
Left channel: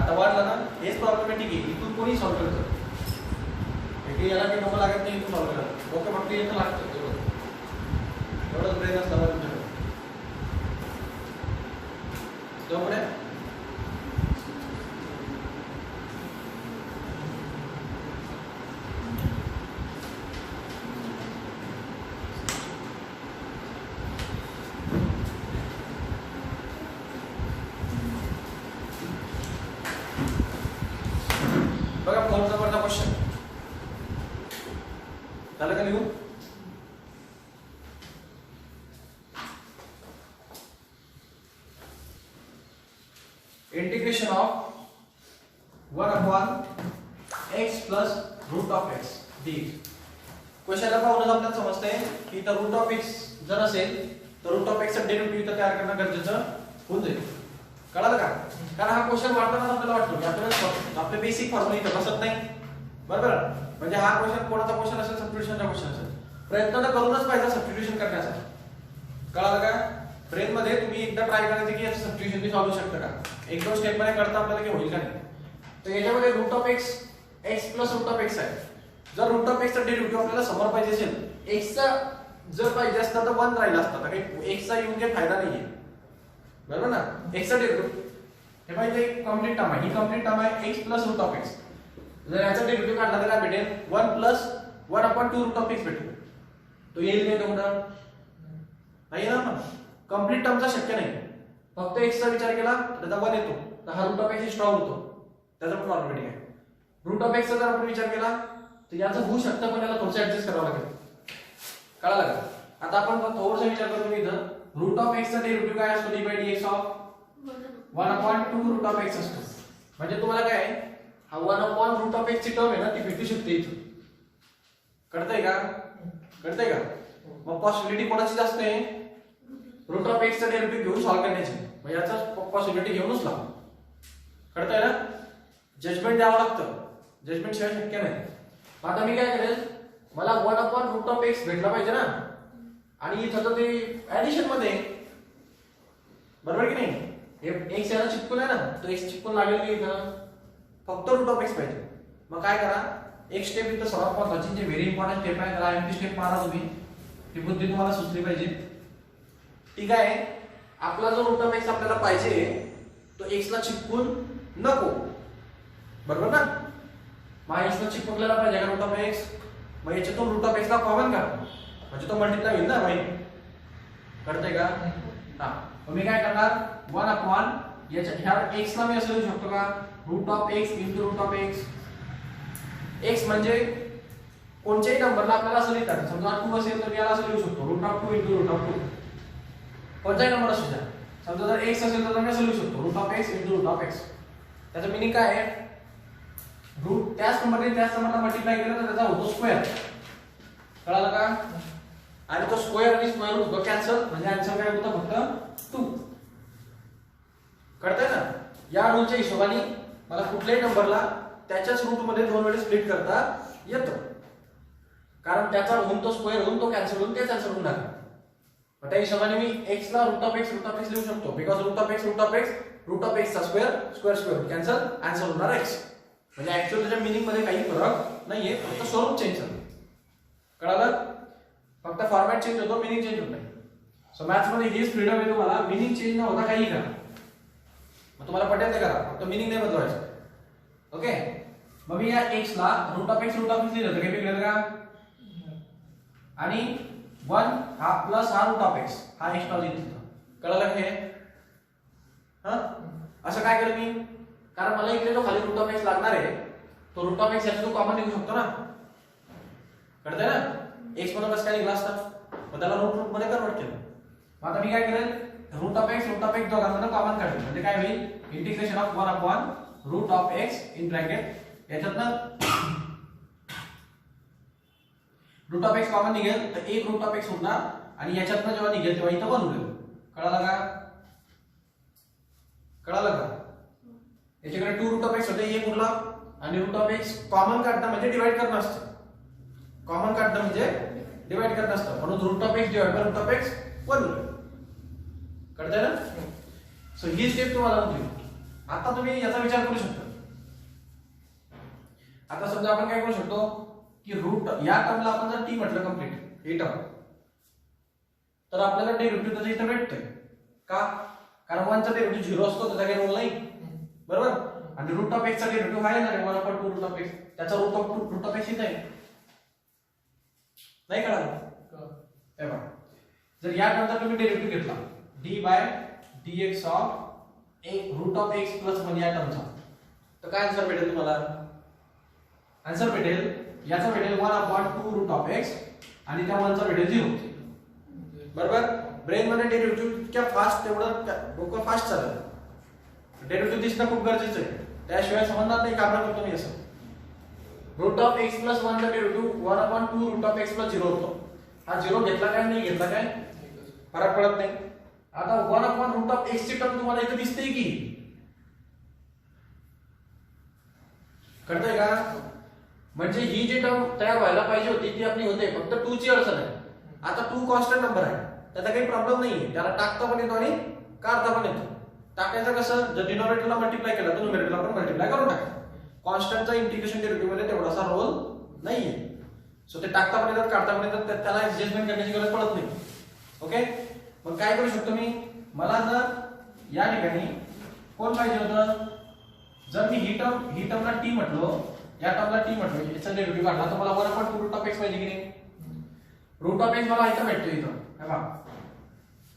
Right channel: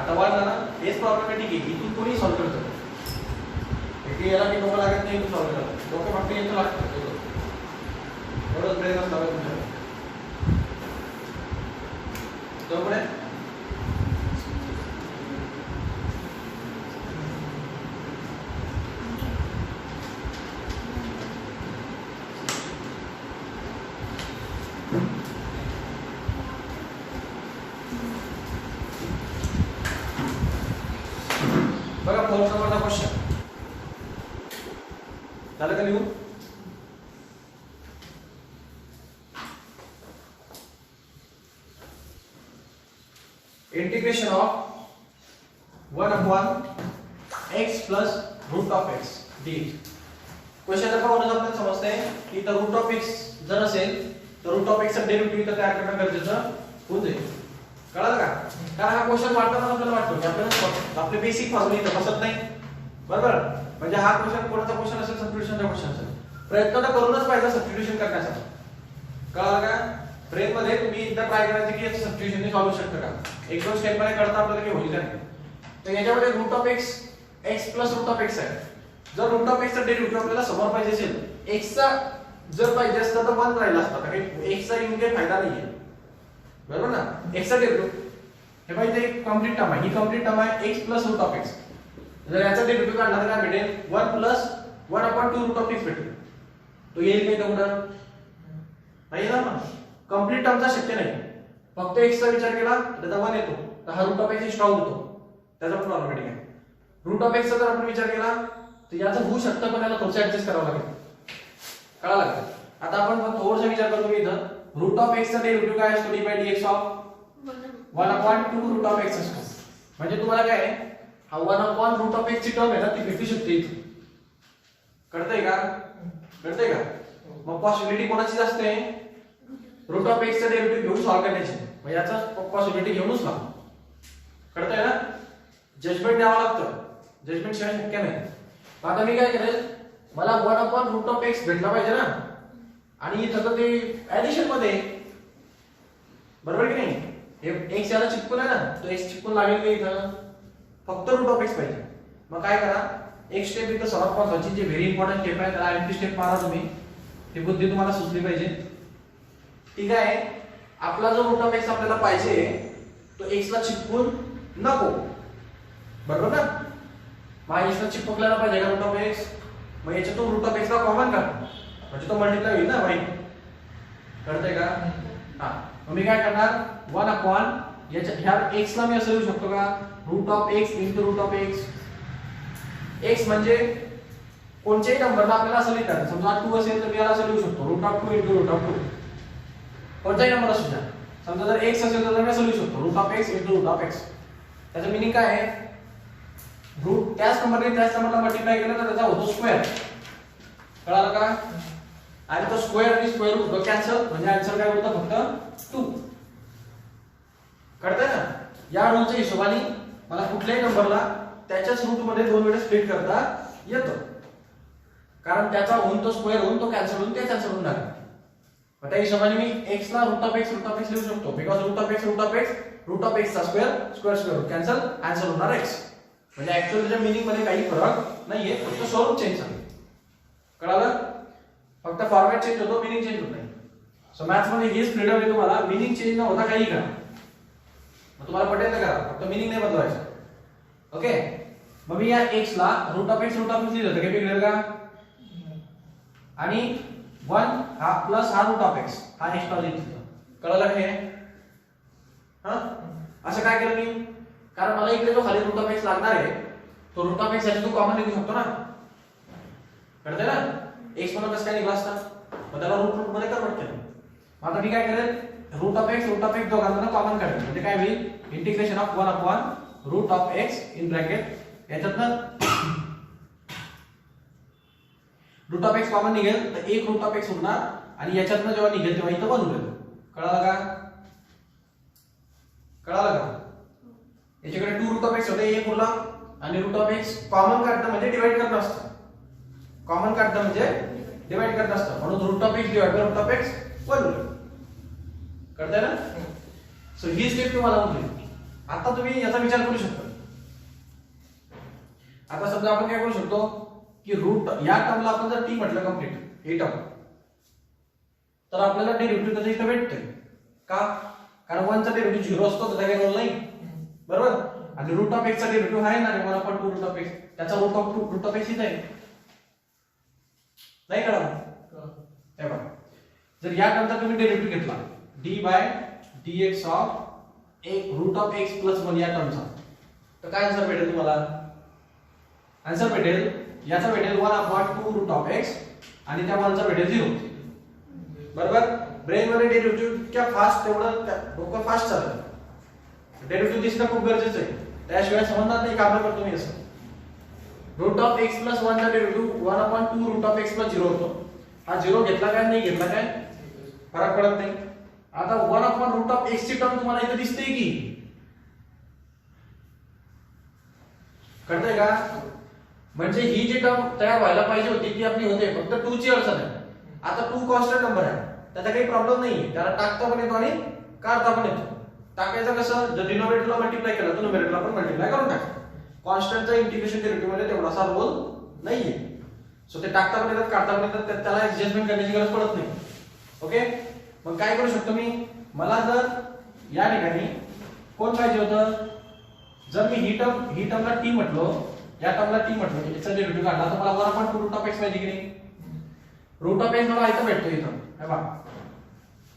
आता वाढला ना. हेच प्रॉब्लेमॅटिक आहे, इथून कोणी सॉल्व्ह करतं. इथे याला की डोकं लागत नाही, इथून सॉल्व्ह करतात डोकं फक्त येतं लागतं एवढंच ब्रेक असतं तुमच्या. त्यामुळे बघा 4 नंबरचा क्वेश्चन झालं का लिहून? Integration of 1 upon x plus root of x dx. क्वेश्चनला पाहूनच आपल्याला समजतंय की इथं रूट ऑफ x जर असेल तर रूट ऑफ x चा डेरिव्हेटिव्ह इथं तयार करणं गरजेचं होऊन जाईल. कळलं का? कारण हा क्वेश्चन वाटताना आपल्याला वाटतो की आपल्याला आपले बेसिक फॉर्म्युला इथं बसत नाही, बरोबर. म्हणजे हा क्वेश्चन कोणाचा क्वेश्चन असेल, सबस्टिट्यूशनचा क्वेश्चन असेल, प्रयत्न तर करूनच पाहिजे सबस्टिट्यूशन करण्याचा. कळलं का? ब्रेन मध्ये तुम्ही एकदा ट्राय करायचं की याचं सबस्टिट्यूशन सॉल्व्ह होऊ शकतं का. एक दोन स्टेप मध्ये करता आपल्याला की होईल का नाही. तर याच्यामध्ये root of x x plus root of x आहे. जर रूट ऑफ x चा डेरिव्हेटिव्ह आपल्याला समोर पाहिजे असेल, x चा जर पाहिजे असता तर 1 राहिला असता, कारण x चा येऊन काही फायदा नाहीये, बरोबर ना. x चा डेरिव्हेटिव्ह हे पाहिजे एक कंप्लीट टर्म आहे, ही कंप्लीट टर्म आहे x plus root of x. जर याचा डेरिव्हेटिव्ह काढला तर काय भेटेल 1 plus 1 upon 2 root of x भेटेल. तो येईल काय तेवढं नाही ना. कंप्लीट टर्मचा शक्य नाही. फक्त x चा विचार केला त्याचा 1 येतो, तर हा रूट ऑफ x स्ट्रॉंग होतो, त्याचा प्रॉब्लेमॅटिक आहे. रूट ऑफ x चा जर आपण विचार केला तर याचं होऊ शकतं, पण याला थोडं ऍडजस्ट करावं लागेल. कळलं का? आता आपण थोडंसं विचार करतो की इथं रूट ऑफ x चा डेरिव्हेटिव्ह काय असतो d by dx of 1 upon 2 root of x असतो. म्हणजे तुम्हाला काय हा 1 अपॉन रूट ऑफ x ची टर्म आहे ना ती भेटू शकते इथे. कळतंय का? कळतंय का? मग पॉसिबिलिटी कोणाची जास्त आहे? रूट ऑफ x चा डेरिव्हेटिव्ह घेऊन सॉल्व्ह करण्याची. मग याचा पॉसिबिलिटी घेऊनच लाव. कळतंय ना? जजमेंट द्यावं लागतं, जजमेंट शिवाय शक्य नाही. आता मी काय करेल, मला 1 अपॉन रूट ऑफ x भेटला पाहिजे ना, आणि इथं तर ते ऍडिशन मध्ये बरोबर की नाही. हे x याला चिपकून आहे ना, तो x चिपकून लागेल नाही इथं, फक्त रूट ऑफ x पाहिजे. मग काय करा, एक स्टेप इथं सर्वात महत्त्वाची जी व्हेरी इम्पॉर्टंट स्टेप आहे, त्याला एम्प्टी स्टेप मारा तुम्ही. ती बुद्धी तुम्हाला सुचली पाहिजे. ठीक आहे. आपला जो रूट ऑफ x आपल्याला पाहिजे तो x ला चिपकून नको, बरोबर ना. मग x ला चिपकलेला पाहिजे का रूट ऑफ x. मग याच्यातून रूट ऑफ x ला कॉमन काढ, म्हणजे तो मल्टिप्लाय होईल ना भाई. कळतंय का? हां. मग मी काय करणार 1 अपॉन याच्या ह्या x ला मी असं लिहू शकतो का root of x into root of x. x म्हणजे कोणत्याही नंबरला आपल्याला असं लिहितात. समजा 2 असेल तर याला असं लिहू शकतो root of 2 into root of 2. कोणताही नंबर असू द्या. समजा जर x असेल तर मी असं लिहू शकतो root of x into root of x. त्याचं मीनिंग काय आहे, रूट त्याच नंबरला मल्टिप्लाय केलं तर त्याचा होतो स्क्वेअर. कळालं का? आणि तो स्क्वेअर आणि स्क्वेअर रूट होतो कॅन्सल, म्हणजे आन्सर काय होतं फक्त 2. कळतंय ना. या रूलच्या हिशोबाने मला कुठल्याही नंबरला त्याच्याच रूट मध्ये 2 वेळा स्प्लिट करता येतं, कारण त्याचा होऊन तो स्क्वेअर होऊन तो कॅन्सल होऊन तेच आन्सर होऊन जाईल. त्या हिशोबाने मी x ला रूट ऑफ x लिहू शकतो, बिकॉज रूट ऑफ x चा स्क्वेअर कॅन्सल, आन्सर होणार x. म्हणजे ऍक्च्युअली त्याच्या मीनिंग मध्ये काही फरक नाहीये, फक्त स्वरूप चेंज झालं. कळालं? फक्त फॉर्मॅट चेंज होतो, मीनिंग चेंज होत नाही. सो मॅथ्स मध्ये हीच फ्रीडम आहे तुम्हाला, मीनिंग चेंज न होता काही करा. मग तुम्हाला पटेल ते करा, फक्त मीनिंग नाही बदलवायचं. ओके. मग मी या x ला रूट ऑफ x लिहिलं होतं, काही वेगळं का? आणि 1 हा प्लस हा रूट ऑफ x हा एक्स्ट्रा लिहितो. कळलं का हे? असं काय केलं मी? कारण मला इकडे जो खाली रूट ऑफ x लागणार आहे, तो रूट ऑफ x साठी तू कॉमन लिहू शकतो ना. कळतंय ना? x मध्ये कसं काय लिहिला असता? मग त्याला रूट मध्ये कन्वर्ट केलं. मग आता मी काय करेल? रूट ऑफ x दोघांमधून कॉमन काढेल. म्हणजे काय होईल? Integration of 1 upon root of x in bracket याच्यातनं रूट ऑफ x कॉमन निघेल तर एक रूट ऑफ x होणार आणि याच्यातनं जेव्हा निघेल तेव्हा इथं 1 होईल. कळालं का? याच्याकडे 2 रूट ऑफ x होते, एक उरला आणि रूट ऑफ x कॉमन काढणं म्हणजे डिवाइड करणं असतं. म्हणून रूट of x divide by root of x 1 होईल. कळतंय ना? सो ही स्टेप तुम्हाला माहिती. आता तुम्ही याचा विचार करू शकता. आता समजा आपण काय करू शकतो की रूट या टर्मला आपण जर t म्हटलं कंप्लीट ही टर्म, तर आपल्याला डेरिव्हेटिव्ह त्याचा इथे भेटते का? कारण 1 चा डेरिव्हेटिव्ह 0 असतो, त्याचा काही रोल नाही. बरोबर? आणि रूट ऑफ x चा डेरिव्हेटिव्ह आहे ना 1/2 रूट ऑफ x, त्याचा रूट ऑफ x इथे आहे. नाही कळलं? हे बघा, जर या टर्मचा तुम्ही डेरिव्हेटिव्ह घेतला d/dx ऑफ एक रूट ऑफ x प्लस 1 या टर्मचा, तर काय आन्सर भेटेल तुम्हाला? आन्सर भेटेल याचा भेटेल 1/2 रूट ऑफ x आणि त्या 1 चा भेटेल 0. बरोबर? ब्रेन मध्ये डेरिव्हेटिव्ह इतक्या फास्ट, तेवढं डोकं फास्ट चालतं. डेरिव्हेटिव्ह दिसणं खूप गरजेचं आहे, त्याशिवाय समजणार नाही. काम करतो मी असं. रूट ऑफ x प्लस 1 चा derivative 1/2 root of x plus 0 होतो. हा 0 घेतला काय नाही घेतला काय फरक पडत नाही. आता 1 रूट ऑफ x ची टर्म तुम्हाला इथे दिसते की? कळतंय का? म्हणजे ही जी टर्म तयार व्हायला पाहिजे होती ती आपली होते, फक्त 2 ची अडचण आहे. आता 2 कॉन्स्टंट नंबर आहे, त्याचा काही प्रॉब्लेम नाहीये, त्याला टाकता पण येतो आणि काढता पण येतो. टाकायचं कसं? जर डिनॉमिनेटरला मल्टिप्लाय केला तर न्यूमरेटरला पण मल्टिप्लाय करून टाका. कॉन्स्टंटचा इंटिग्रेशन डेरिव्हेटिव्ह मध्ये तेवढासा रोल नाहीये. सो ते टाकता पण येतात काढता पण येतात, त्याला ऍडजस्टमेंट करण्याची गरज पडत नाही. ओके. मग काय करू शकतो मी? मला जर या ठिकाणी कोण पाहिजे होतं? जर मी ही टर्मला t म्हटलो, या टर्मला t म्हटलो, याचा डेरिव्हेटिव्ह काढला तर मला 1/2 रूट ऑफ x पाहिजे की नाही? रूट ऑफ x मला इथं भेटतो, इथं हे पहा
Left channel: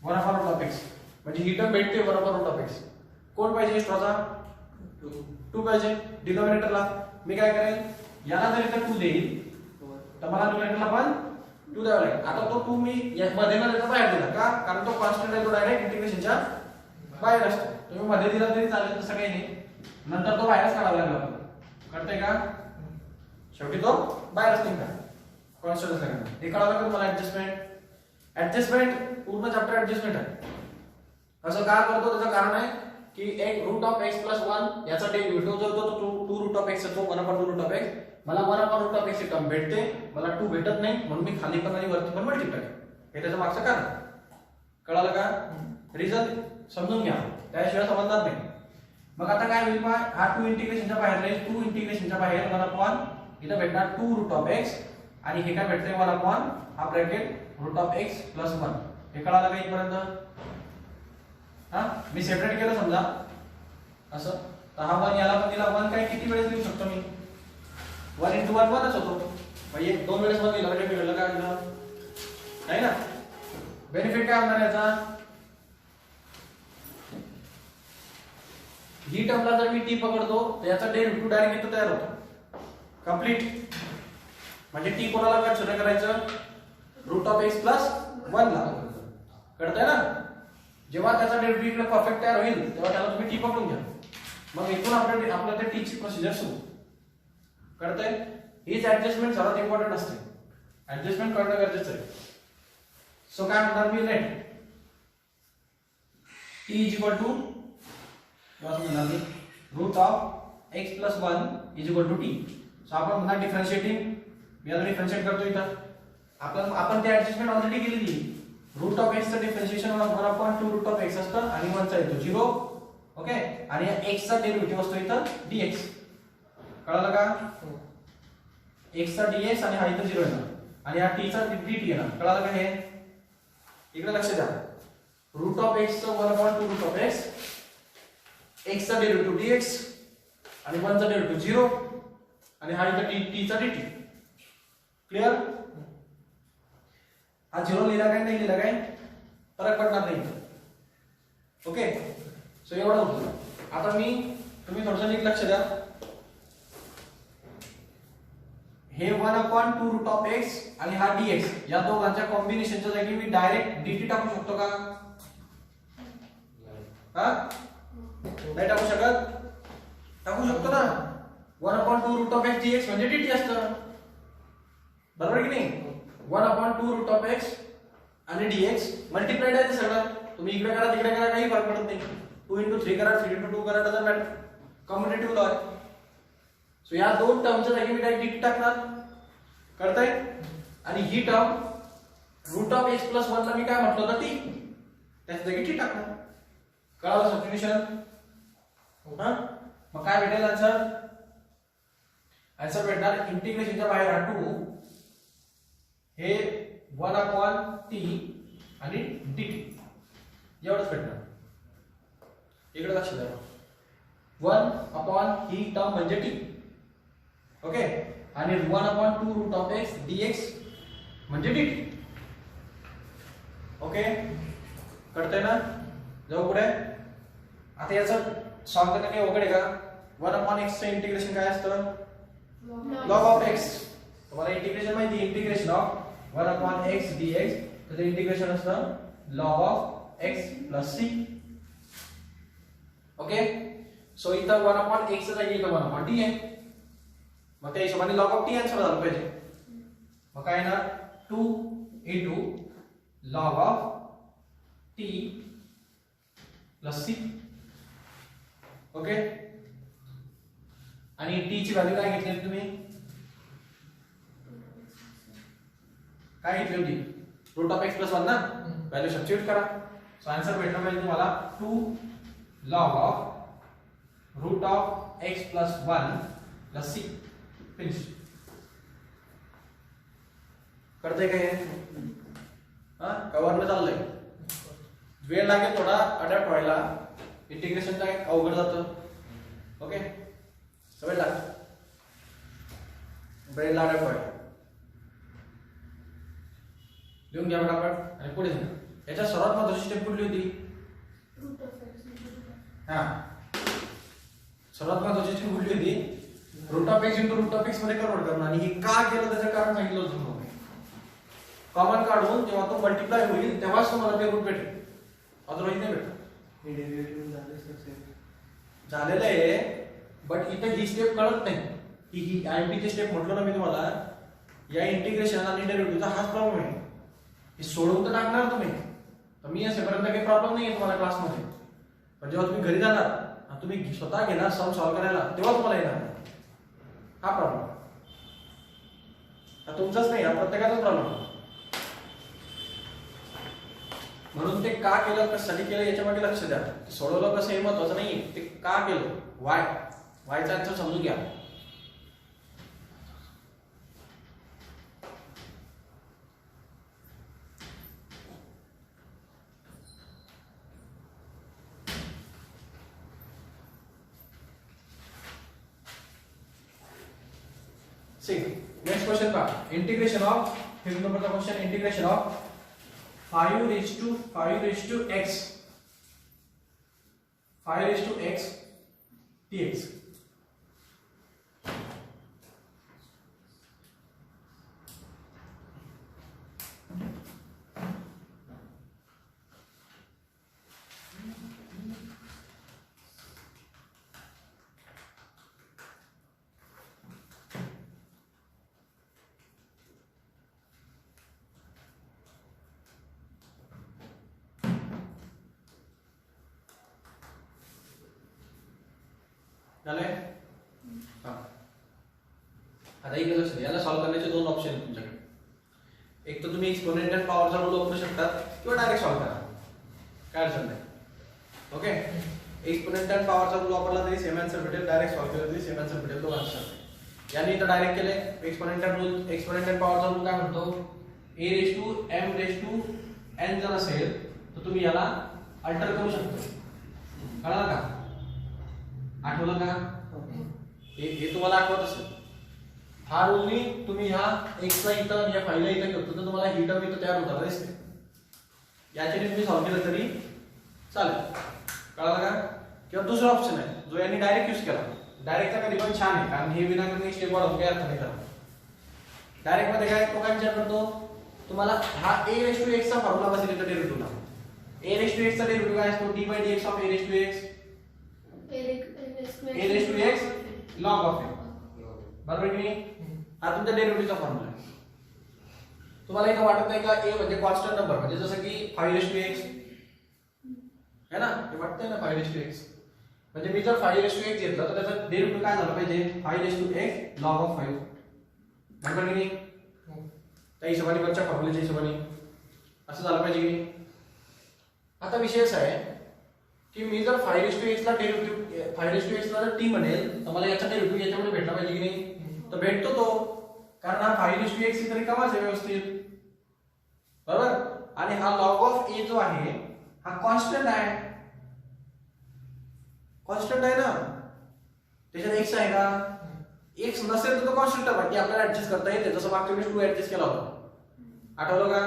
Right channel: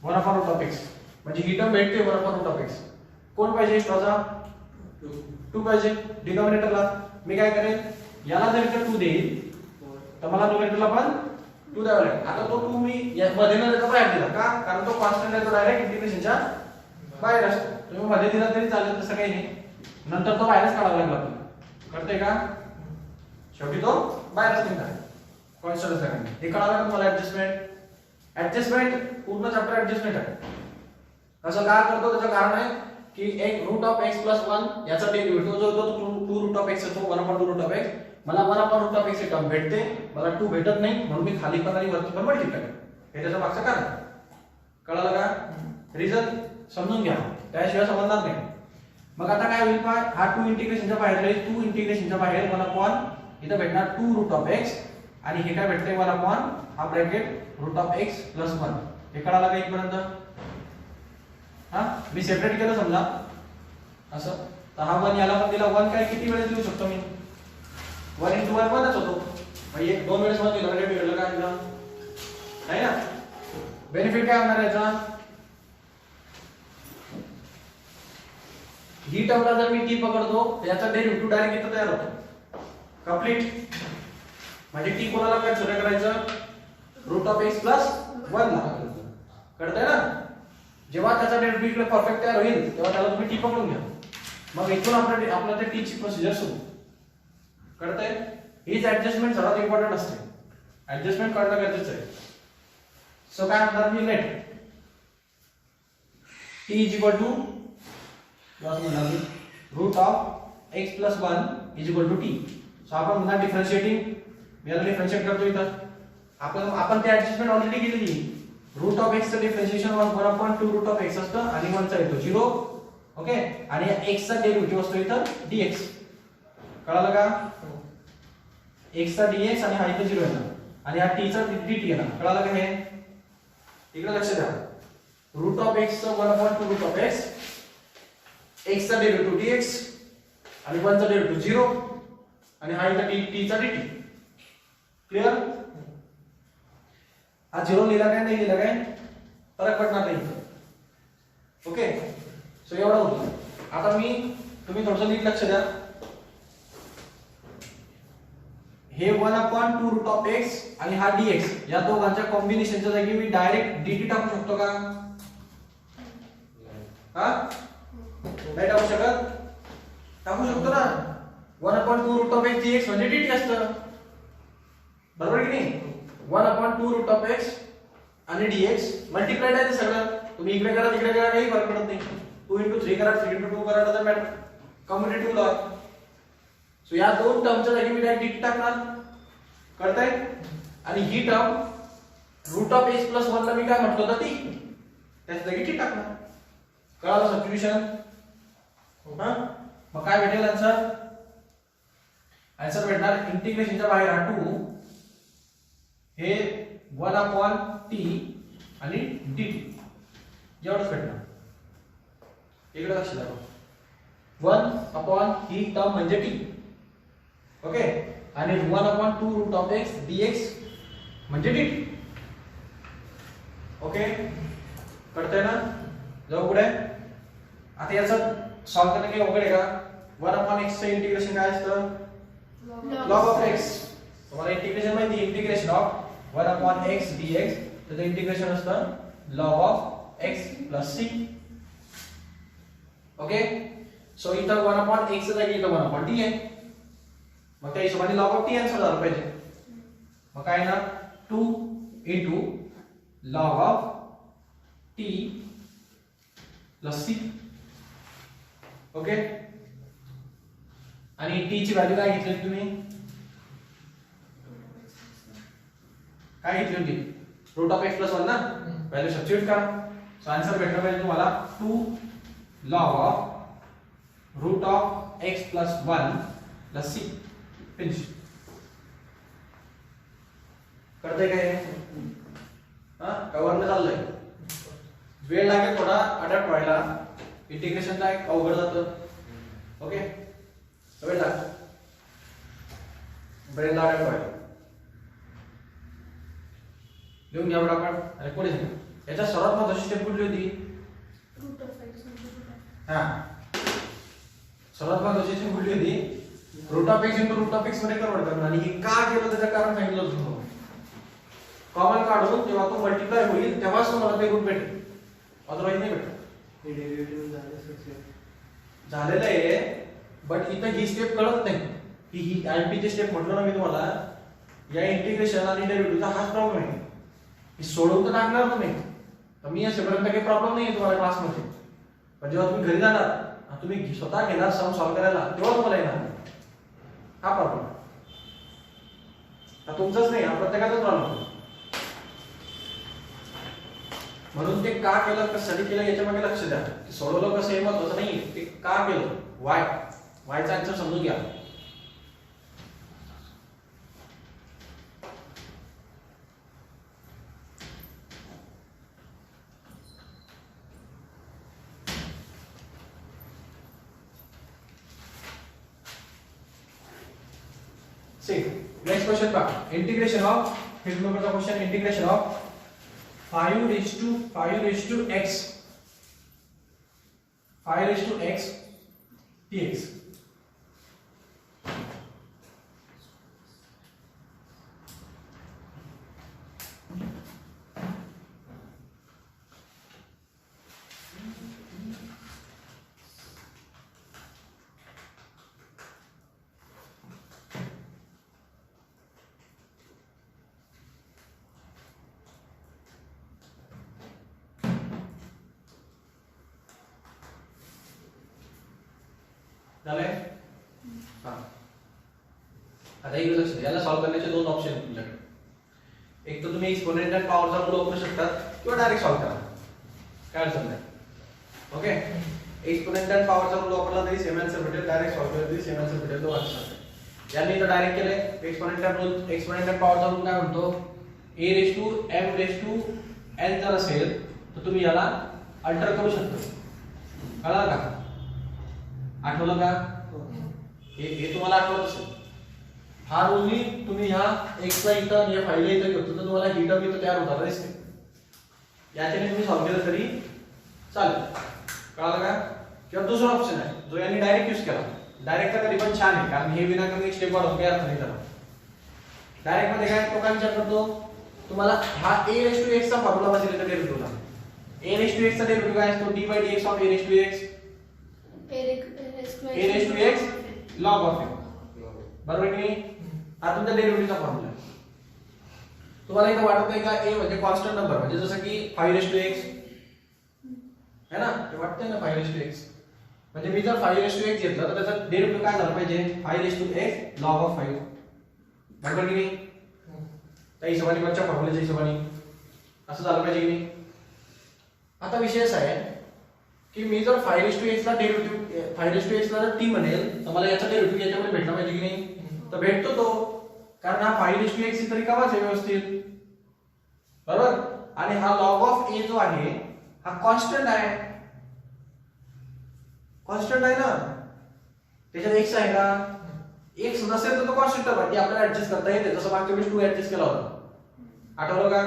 1/2 रूट ऑफ x, म्हणजे ही टर्म भेटते 1/2 रूट ऑफ x. कोण पाहिजे एक्स्ट्राचा? 2 पाहिजे डिनॉमिनेटरला. मी काय करेन? याला जर इथं 2 देईल तर मला न्यूमरेटरला पण 2 द्यावा लागेल. आता तो 2 मी मध्ये न देता बाहेर दिला का? कारण तो कॉन्स्टंट आहे, तो डायरेक्ट इंटिग्रेशनच्या बाहेर असतो. तुम्ही मध्ये दिला तरी चालेल, तसं काही नाही. नंतर तो बाहेरच काढावा लागला आपल्याला. कळतंय का? शेवटी तो बाहेरच निघाला कॉन्स्टंट असल्याने. हे कळालं का तुम्हाला? ऍडजस्टमेंट पूर्ण चॅप्टर ऍडजस्टमेंट आहे. असं का करतो? त्याचं कारण आहे की एक रूट ऑफ x प्लस 1 याचा डेरिव्हेटिव्ह जो होतो तो 2 रूट ऑफ x असतो, 1/2 रूट ऑफ x. मला 1/2 रूट ऑफ x ची टर्म भेटते, मला 2 भेटत नाही, म्हणून मी खाली पण आणि वरती पण मल्टिप्लाय करतो. हे त्याचं मागचं कारण. कळालं का? रिझन समजून घ्या, त्याशिवाय समजणार नाही. मग आता काय होईल? हा 2 इंटिग्रेशनच्या बाहेर राहील, 2 इंटिग्रेशनच्या बाहेर 1/, इथं भेटणार 2 रूट ऑफ x आणि हे काय भेटते 1/, हा bracket root of x plus 1. हे कळालं का इथपर्यंत? मी सेपरेट केलं समजा असं, तर हा 1 याला पण दिला. 1 काय किती वेळेस लिहू शकतो मी? 1 × 1 1च होतो. म्हणजे 2 वेळेस 1 दिला, म्हणजे मिळालं काय दिलं नाही ना. बेनिफिट काय होणार याचा? ही टर्मला जर मी t पकडतो तर याचा डेरिव्हेटिव्ह डायरेक्ट इथं तयार होतो कंप्लीट. म्हणजे t कोणाला काय छोटा करायचं? रूट ऑफ x प्लस 1 ला. कळतंय ना? जेव्हा त्याचा डेरिव्हेटिव्ह परफेक्ट तयार होईल तेव्हा त्याला तुम्ही t पकडून घ्या. मग इथून आपल्याला ते t ची प्रोसिजर सुरू. कळतंय? हीच ऍडजस्टमेंट सर्वात इम्पॉर्टंट असते. ऍडजस्टमेंट करणं गरजेचं आहे. सो काय म्हणणार मी? Let t equal to root of x plus 1 equal to t. So आपण म्हणणार डिफरन्शिएटिंग, याला डिफरन्शिएट करतो इथं. आपण ते ऍडजस्टमेंट ऑलरेडी केलेली. रूट ऑफ एक्स चं डिफरन्शिएशन 1/2 रूट ऑफ एक्स असतं आणि 1 चा येतो 0. ओके, आणि या x चा डेरिव्हेटिव्ह असतो इथं dx. कळालं का? x चा dx आणि हा इथं 0 येणार आणि हा t चा dt येणार. कळालं का हे? इकडे लक्ष द्या. रूट ऑफ x चं 1/2 रूट ऑफ x, x चा डेरिव्हेटिव्ह dx आणि 1 चा डेरिव्हेटिव्ह 0 आणि हा इथं t चा dt. क्लियर? हा 0 लिहिला काय नाही लिहिला काय फरक पडणार नाही. ओके, सो एवढं होतं. आता तुम्ही थोडंसं नीट लक्ष द्या. हे 1/2 रूट ऑफ x आणि हा dx या दोघांच्या कॉम्बिनेशनच्या जागी मी डायरेक्ट dt टाकू शकतो का? हा, नाही टाकू शकत? टाकू शकतो ना. 1/2 रूट ऑफ x dx म्हणजे dt असतं, बरोबर की नाही? 1/2 रूट ऑफ x आणि dx मल्टिप्लाइड आहे ते सगळं. तुम्ही इकडे करा तिकडे करा काही फरक पडत नाही. 2 into 3 करा 3 into 2 करा डझंट मॅटर, कम्युटेटिव्ह लॉ आहे. सो या दोन टर्मच्या जागी मी डायरेक्ट dt टाकणार. कळतंय? आणि ही term root of x plus 1 ला मी काय म्हटलं होतं ती त्याच्या जागी टी टाकणार. कळालं सबस्टिट्यूशन? हा, मग काय भेटेल आन्सर? आन्सर भेटणार इंटिग्रेशनच्या बाहेर हा 2 हे 1/t आणि dt एवढंच भेटणार. इकडे लक्ष द्या. 1 ही टर्म म्हणजे t. ओके, आणि 1/2 रूट ऑफ x dx म्हणजे dt. ओके, कळतंय ना? जाऊ पुढे. आता याचं सॉल्व करणं काही अवघड आहे का? 1/x चे इंटिग्रेशन काय असतं? log of x. तुम्हाला इंटिग्रेशन माहिती आहे, इंटिग्रेशन ऑफ 1/x dx त्याचं इंटिग्रेशन असतं log of x plus c. Okay, so इथं 1/x च्या जागी इथं 1/t आहे. मग त्या हिशोबाने log of t आन्सर झालं पाहिजे. मग काय येणार? 2 into log of t plus c. Okay, आणि t ची व्हॅल्यू काय घेतली तुम्ही? काय घेतली होती? रूट ऑफ x प्लस 1 ना. व्हॅल्यू सबस्टिट्यूट करा. सो आन्सर भेटणार पाहिजे तुम्हाला 2 log of root of x plus 1 plus c. Finish. करते काय? हा, काय वरनं चाललंय? वेळ लागेल थोडा अडॅप्ट व्हायला. इंटिग्रेशन काय अवघड जातं. ओके, वेळ लागेल ब्रेन अडॅप्ट व्हायला. लिहून घ्या बरं आपण. आणि पुढे याच्या सर्वात महत्त्वाची स्टेप कुठली होती? हा, सर्वात महत्त्वाची स्टेप कुठली होती? Root of x into root of x मध्ये कन्वर्ट करणं. आणि हे का केलं त्याचं कारण सांगितलं होतं तुम्हाला. कॉमन काढून जेव्हा तो मल्टिप्लाय होईल तेव्हाच तुम्हाला ते रूट भेटेल, अदरवाईज नाही भेटत. हे डेरिव्हेटिव्ह झालेलं आहे, बट इथं ही स्टेप कळत नाही. ही आयपीची स्टेप म्हटलं ना मी तुम्हाला, या इंटिग्रेशन आणि डेरिव्हेटिव्हचा हाच प्रॉब्लेम आहे. हे सोडवून तर टाकणार तुम्ही, तर मी असेपर्यंत काही प्रॉब्लेम नाही आहे तुम्हाला क्लासमध्ये. पण जेव्हा तुम्ही घरी जाणार तुम्ही स्वतः घेणार सम सॉल्व्ह करायला, तेव्हा तुम्हाला येणार हा प्रॉब्लेम. हा तुमचाच नाही, हा प्रत्येकाचाच प्रॉब्लेम. म्हणून ते का केलं, कशासाठी केलं याच्यामध्ये लक्ष द्या. सोडवलं कसं हे महत्त्वाचं नाही, ते का केलं, वायचा आन्सर समजून घ्या. नेक्स्ट क्वेश्चन पहा. इंटिग्रेशन ऑफ, फिफ्थ नंबरचा question, integration of 5 raised to x 5 raised to x dx. झाले? आता इकडे लक्ष द्या. याला सॉल्व्ह करण्याचे दोन ऑप्शन आहेत तुमच्याकडे. एक तर तुम्ही एक्सपोनेंट आणि पॉवरचा रूल वापरू शकता. किंवा डायरेक्ट सॉल्व्ह करा, काय अडचण नाही. ओके, एक्सपोनेंशियल पॉवरचा रूल वापरला तरी सेम आन्सर भेटेल, डायरेक्ट सॉल्व्ह केलं तरी सेम आन्सर भेटेल, तो अडचण नाही. याने इथं डायरेक्ट केलंय. एक्सपोनेंशियल पॉवरचा रूल काय म्हणतो, a⁻m⁻n जर असेल तर तुम्ही याला अल्टर करू शकता. कळलं का? आठवलं का? हे तुम्हाला आठवत असेल. हा रूल मी तुम्ही ह्या x ला इथं आणि या फाईलला इथं घेतो तर तुम्हाला ही टर्म इथं तयार होणार दिसते. याच्याने तुम्ही सॉल्व्ह केलं तरी चालेल. कळलं का? किंवा दुसरा ऑप्शन आहे जो यांनी डायरेक्ट यूज केला. डायरेक्टचा कधी पण छान आहे कारण हे विनाकारण स्टेप वाढवून काही अर्थ नाही त्याला. डायरेक्ट मध्ये काय तो काय विचार करतो तुम्हाला, हा a⁻x चा फॉर्म्युला बसेल इथं डेरिव्हेटिव्हला. a⁻x चा डेरिव्हेटिव्ह काय असतो, d/dx of a⁻x log of a. बरोबर की नाही? हा तुमचा डेरिव्हेटिव्हचा फॉर्म्युला आहे. तुम्हाला इथं वाटत नाही का a म्हणजे कॉन्स्टंट नंबर, म्हणजे जसं की 5x है ना, ते वाटतंय ना 5x. म्हणजे मी जर 5x घेतलं तर त्याचा डेरिव्हेटिव्ह काय झालं पाहिजे, 5x log of 5. बरोबर की नाही? त्या हिशोबाने वरच्या फॉर्म्युलाच्या हिशोबाने असं झालं पाहिजे की नाही. आता विषय असा आहे की मी जर 5x ला डेरिव्हेटिव्ह 5x ला t म्हणेल तर मला याचा डेरिव्हेटिव्ह याच्यामध्ये भेटला पाहिजे की नाही. तर भेटतो तो, कारण हा 5x तरी कमाच आहे व्यवस्थित. बरोबर. आणि हा log of a जो आहे हा कॉन्स्टंट आहे. कॉन्स्टंट आहे ना, त्याच्यात x आहे का, x नसेल तर तो कॉन्स्टंट आहे, म्हणजे आपल्याला ऍडजस्ट करता येते. जसं मागच्या वेळेस 2 ऍडजस्ट केला होता, आठवलं का?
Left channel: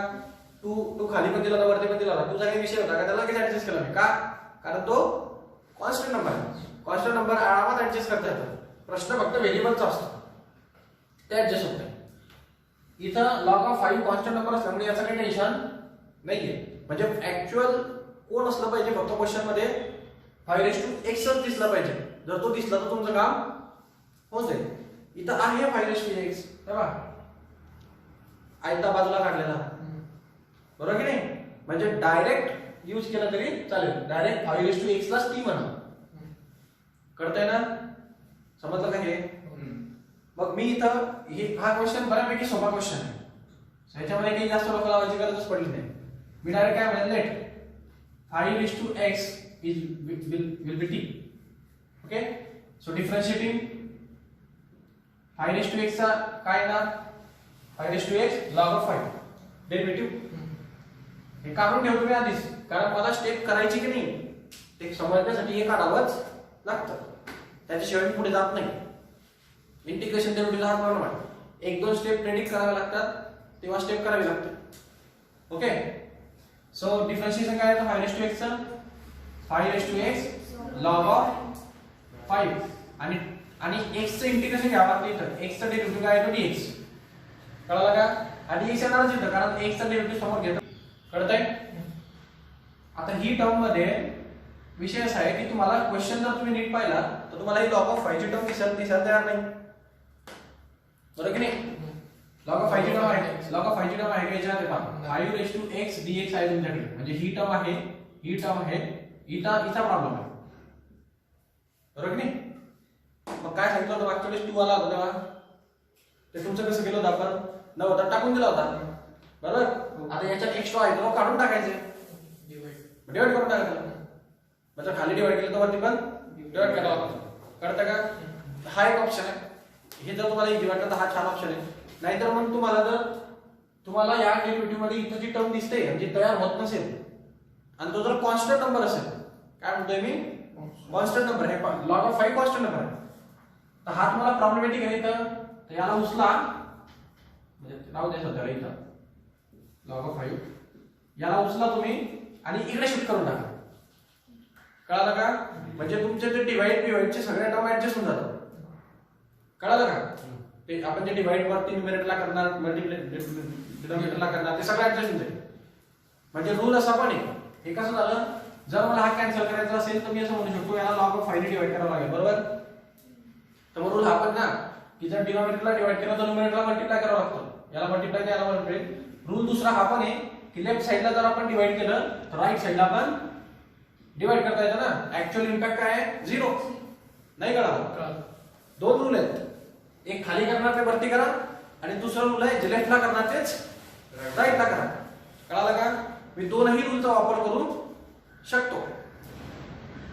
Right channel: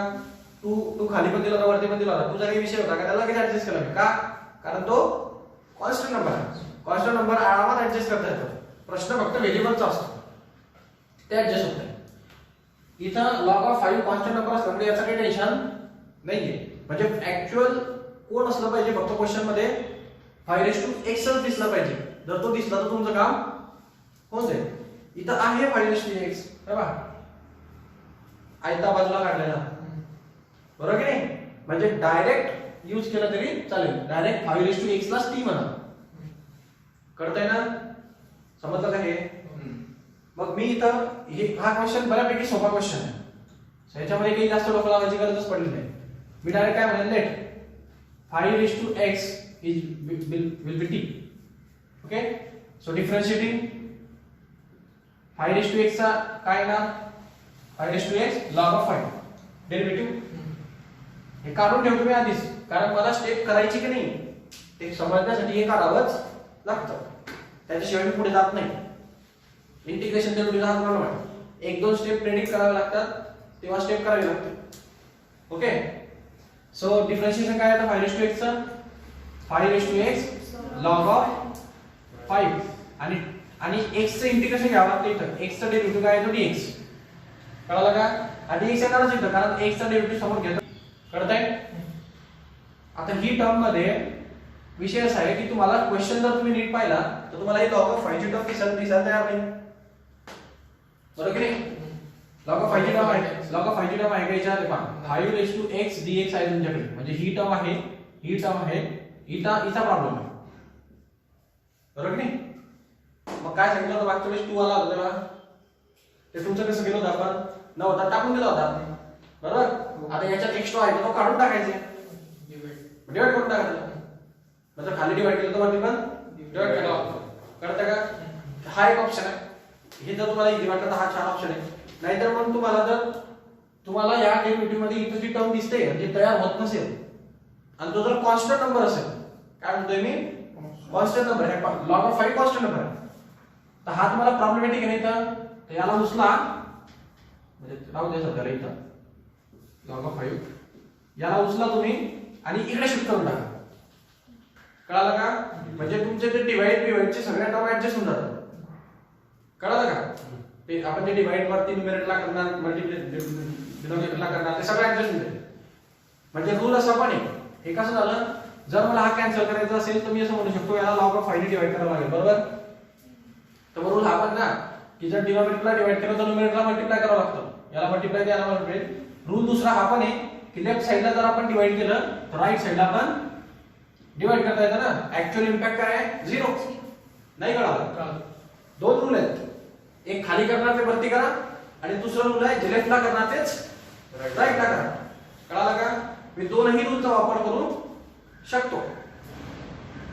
2 खाली पण दिला होता वरती पण दिला होता. तुझा काही विषय होता का त्याला लगेच ऍडजस्ट केला मी का, कारण तो कॉन्स्टंट नंबर आहे. कॉन्स्टंट नंबर आरामात ऍडजस्ट करता येतो. प्रश्न फक्त व्हेरिएबलचा असतो, ते ऍडजस्ट होत नाही. इथं log of 5 कॉन्स्टंट नंबर असल्यामुळे याचं काही टेन्शन नाहीये. म्हणजे ऍक्च्युअल कोण असलं पाहिजे फक्त क्वेश्चन मध्ये 5x दिसला पाहिजे. जर तो दिसला तर तुमचं काम होऊन जाईल. इथं आहे 5x बरोबर, आयता बाजूला काढलेला, बरोबर की नाही. म्हणजे डायरेक्ट यूज केला तरी चालेल, डायरेक्ट 5x ला t म्हणा. कळतंय ना, समजलं का हे? मग मी इथं हा क्वेश्चन बऱ्यापैकी सोपा क्वेश्चन आहे, ह्याच्यामध्ये काही जास्त डोकं लावायची गरजच पडली नाही. मी डायरेक्ट काय म्हणेन, let 5x will be t. Okay, so differentiating 5x चा काय येणार, 5x log of 5 डेरिव्हेटिव्ह. हे काढून ठेवतो मी आधीच, कारण मला स्टेप करायची की नाही ते समजण्यासाठी हे काढावंच लागतं. त्याच्याशिवाय मी पुढे जात नाही. इंटिग्रेशन डेरिव्हेटिव्हचा हा प्रॉब्लेम आहे. 1-2 स्टेप प्रेडिक्ट करावे लागतात, तेव्हा स्टेप करावी लागते. ओके, सो डिफरन्शिएशन काय आहे 5x चा, 5x log of 5 आणि x चं इंटिग्रेशन घ्यावं लागतं. इथं x चा डेरिव्हेटिव्ह काय आहे तो dx. कळलं का? आणि dx येणारच इथं, कारण x चा डेरिव्हेटिव्ह समोर घेतो. कळतंय? आता ही टर्म मध्ये विषय असा आहे की तुम्हाला क्वेश्चन जर तुम्ही नीट पाहिला तर तुम्हाला ही log of 5 ची टर्म दिसायला तयार नाही. बरोबर की नाही? log of 5 ची टर्म आहे, log of 5 ची टर्म आहे का याच्यात? ते पहा 5x dx आहे तुमच्याकडे, म्हणजे ही टर्म आहे, ही टर्म आहे, इथं प्रॉब्लेम आहे. बरोबर की नाही? मग काय सांगितलं होतं मागच्या वेळेस 2 आला होता तेव्हा, ते तुमचं कसं केलं होतं आपण, नव्हता टाकून दिला होता. बरोबर. आता याच्यात एक्स्ट्रा आहे तो काढून टाकायचे, डिवाइड करून टाकायचं. म्हणजे खाली डिवाइड केलं तर वरती पण डिवाइड करायला लागतं. कळतं का? हा एक ऑप्शन आहे. हे जर तुम्हाला इझी वाटलं तर हा छान ऑप्शन आहे. नाहीतर मग तुम्हाला या डेरिव्हेटिव्ह मध्ये इथं जी टर्म दिसते म्हणजे तयार होत नसेल आणि तो जर कॉन्स्टंट नंबर असेल, काय म्हणतोय मी, कॉन्स्टंट नंबर आहे, log of 5 कॉन्स्टंट नंबर आहे, तर हा तुम्हाला प्रॉब्लेमॅटिक आहे. तर याला उचला, म्हणजे राहू दे सध्या इथं log of 5, याला उचला तुम्ही आणि इकडे शिफ्ट करून टाका. कळालं का? म्हणजे तुमचे ते डिवाइडचे सगळ्या टर्म ऍडजस्ट होऊन जातात. कळालं का? ते आपण जे डिवाइड वरती न्यूमरेटरला करणार, डिनॉमिनेटरला करणार, ते सगळं ऍडजस्ट होऊन जाईल. म्हणजे रूल असा पण आहे, हे कसं झालं, जर मला हा कॅन्सल करायचा असेल तर मी असं म्हणू शकतो याला log of 5 ने डिवाइड करावं लागेल. बरोबर. तर मग रूल हा पण ना की जर डिनॉमिनेटरला डिवाइड केलं तर न्यूमरेटरला मल्टिप्लाय करावं लागतं. याला मल्टिप्लाय द्यायला याला मल्टिप्लाय. रूल दुसरा हा पण आहे की लेफ्ट साइडला जर आपण डिवाइड केलं तर राईट साइडला पण डिवाइड करता येतं ना. ऍक्च्युअल इम्पॅक्ट काय आहे, 0. नाही कळालं? 2 रूल आहेत, एक खाली करणार ते वरती करा आणि दुसरा रूल आहे जे लेफ्टला करणार तेच राईटला करा. कळालं का? मी दोनही रूलचा वापर करू शकतो.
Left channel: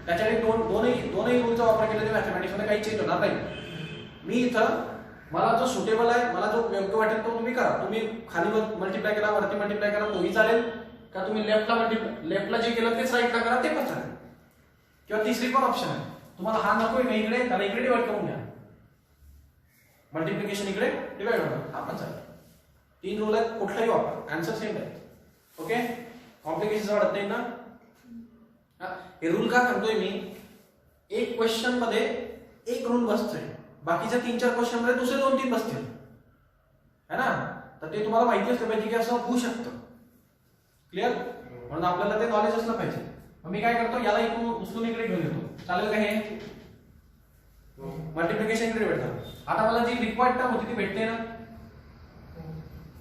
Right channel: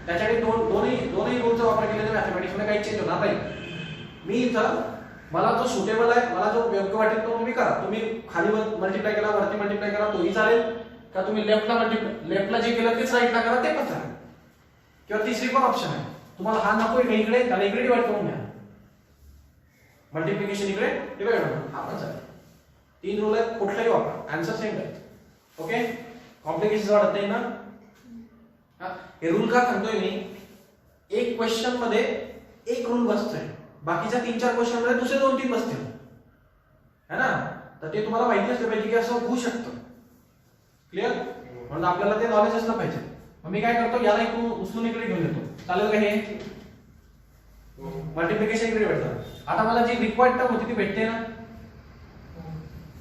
त्याच्याकडे दोनही रूलचा वापर केला तर मॅथमॅटिक्स मध्ये काही चेंज होणार नाही. मी इथं मला जो सुटेबल आहे, मला जो योग्य वाटेल तो तुम्ही करा. तुम्ही खाली मल्टिप्लाय केला, वरती मल्टिप्लाय केला तोही चालेल, का तुम्ही लेफ्टला जे केलं तेच राईटला करा ते पण चालेल. किंवा तिसरी पण ऑप्शन आहे, तुम्हाला हा नकोय का इकडे, त्याला इकडे डिवाइड करून घ्या. मल्टिप्लिकेशन इकडे डिवाइड होणार, हा पण चालेल. 3 रूल आहेत, कुठलाही वापरा, आन्सर सेम आहे. ओके, कॉम्प्लिकेशन वाढत नाही ना. हे रूल का सांगतोय मी, एक क्वेश्चन मध्ये एक रूल बसतोय, बाकीच्या 3-4 क्वेश्चन मध्ये दुसरे 2-3 बसतील, है ना. तर ते तुम्हाला माहिती असलं पाहिजे की असं होऊ शकतं. क्लिअर, म्हणून आपल्याला ते नॉलेज असलं पाहिजे. मग मी काय करतो, याला इकडून उचलून इकडे घेऊन येतो, चालेल का हे मल्टिप्लिकेशन इकडे भेटणार. आता मला जी रिक्वायर्ड टर्म होती ती भेटते ना,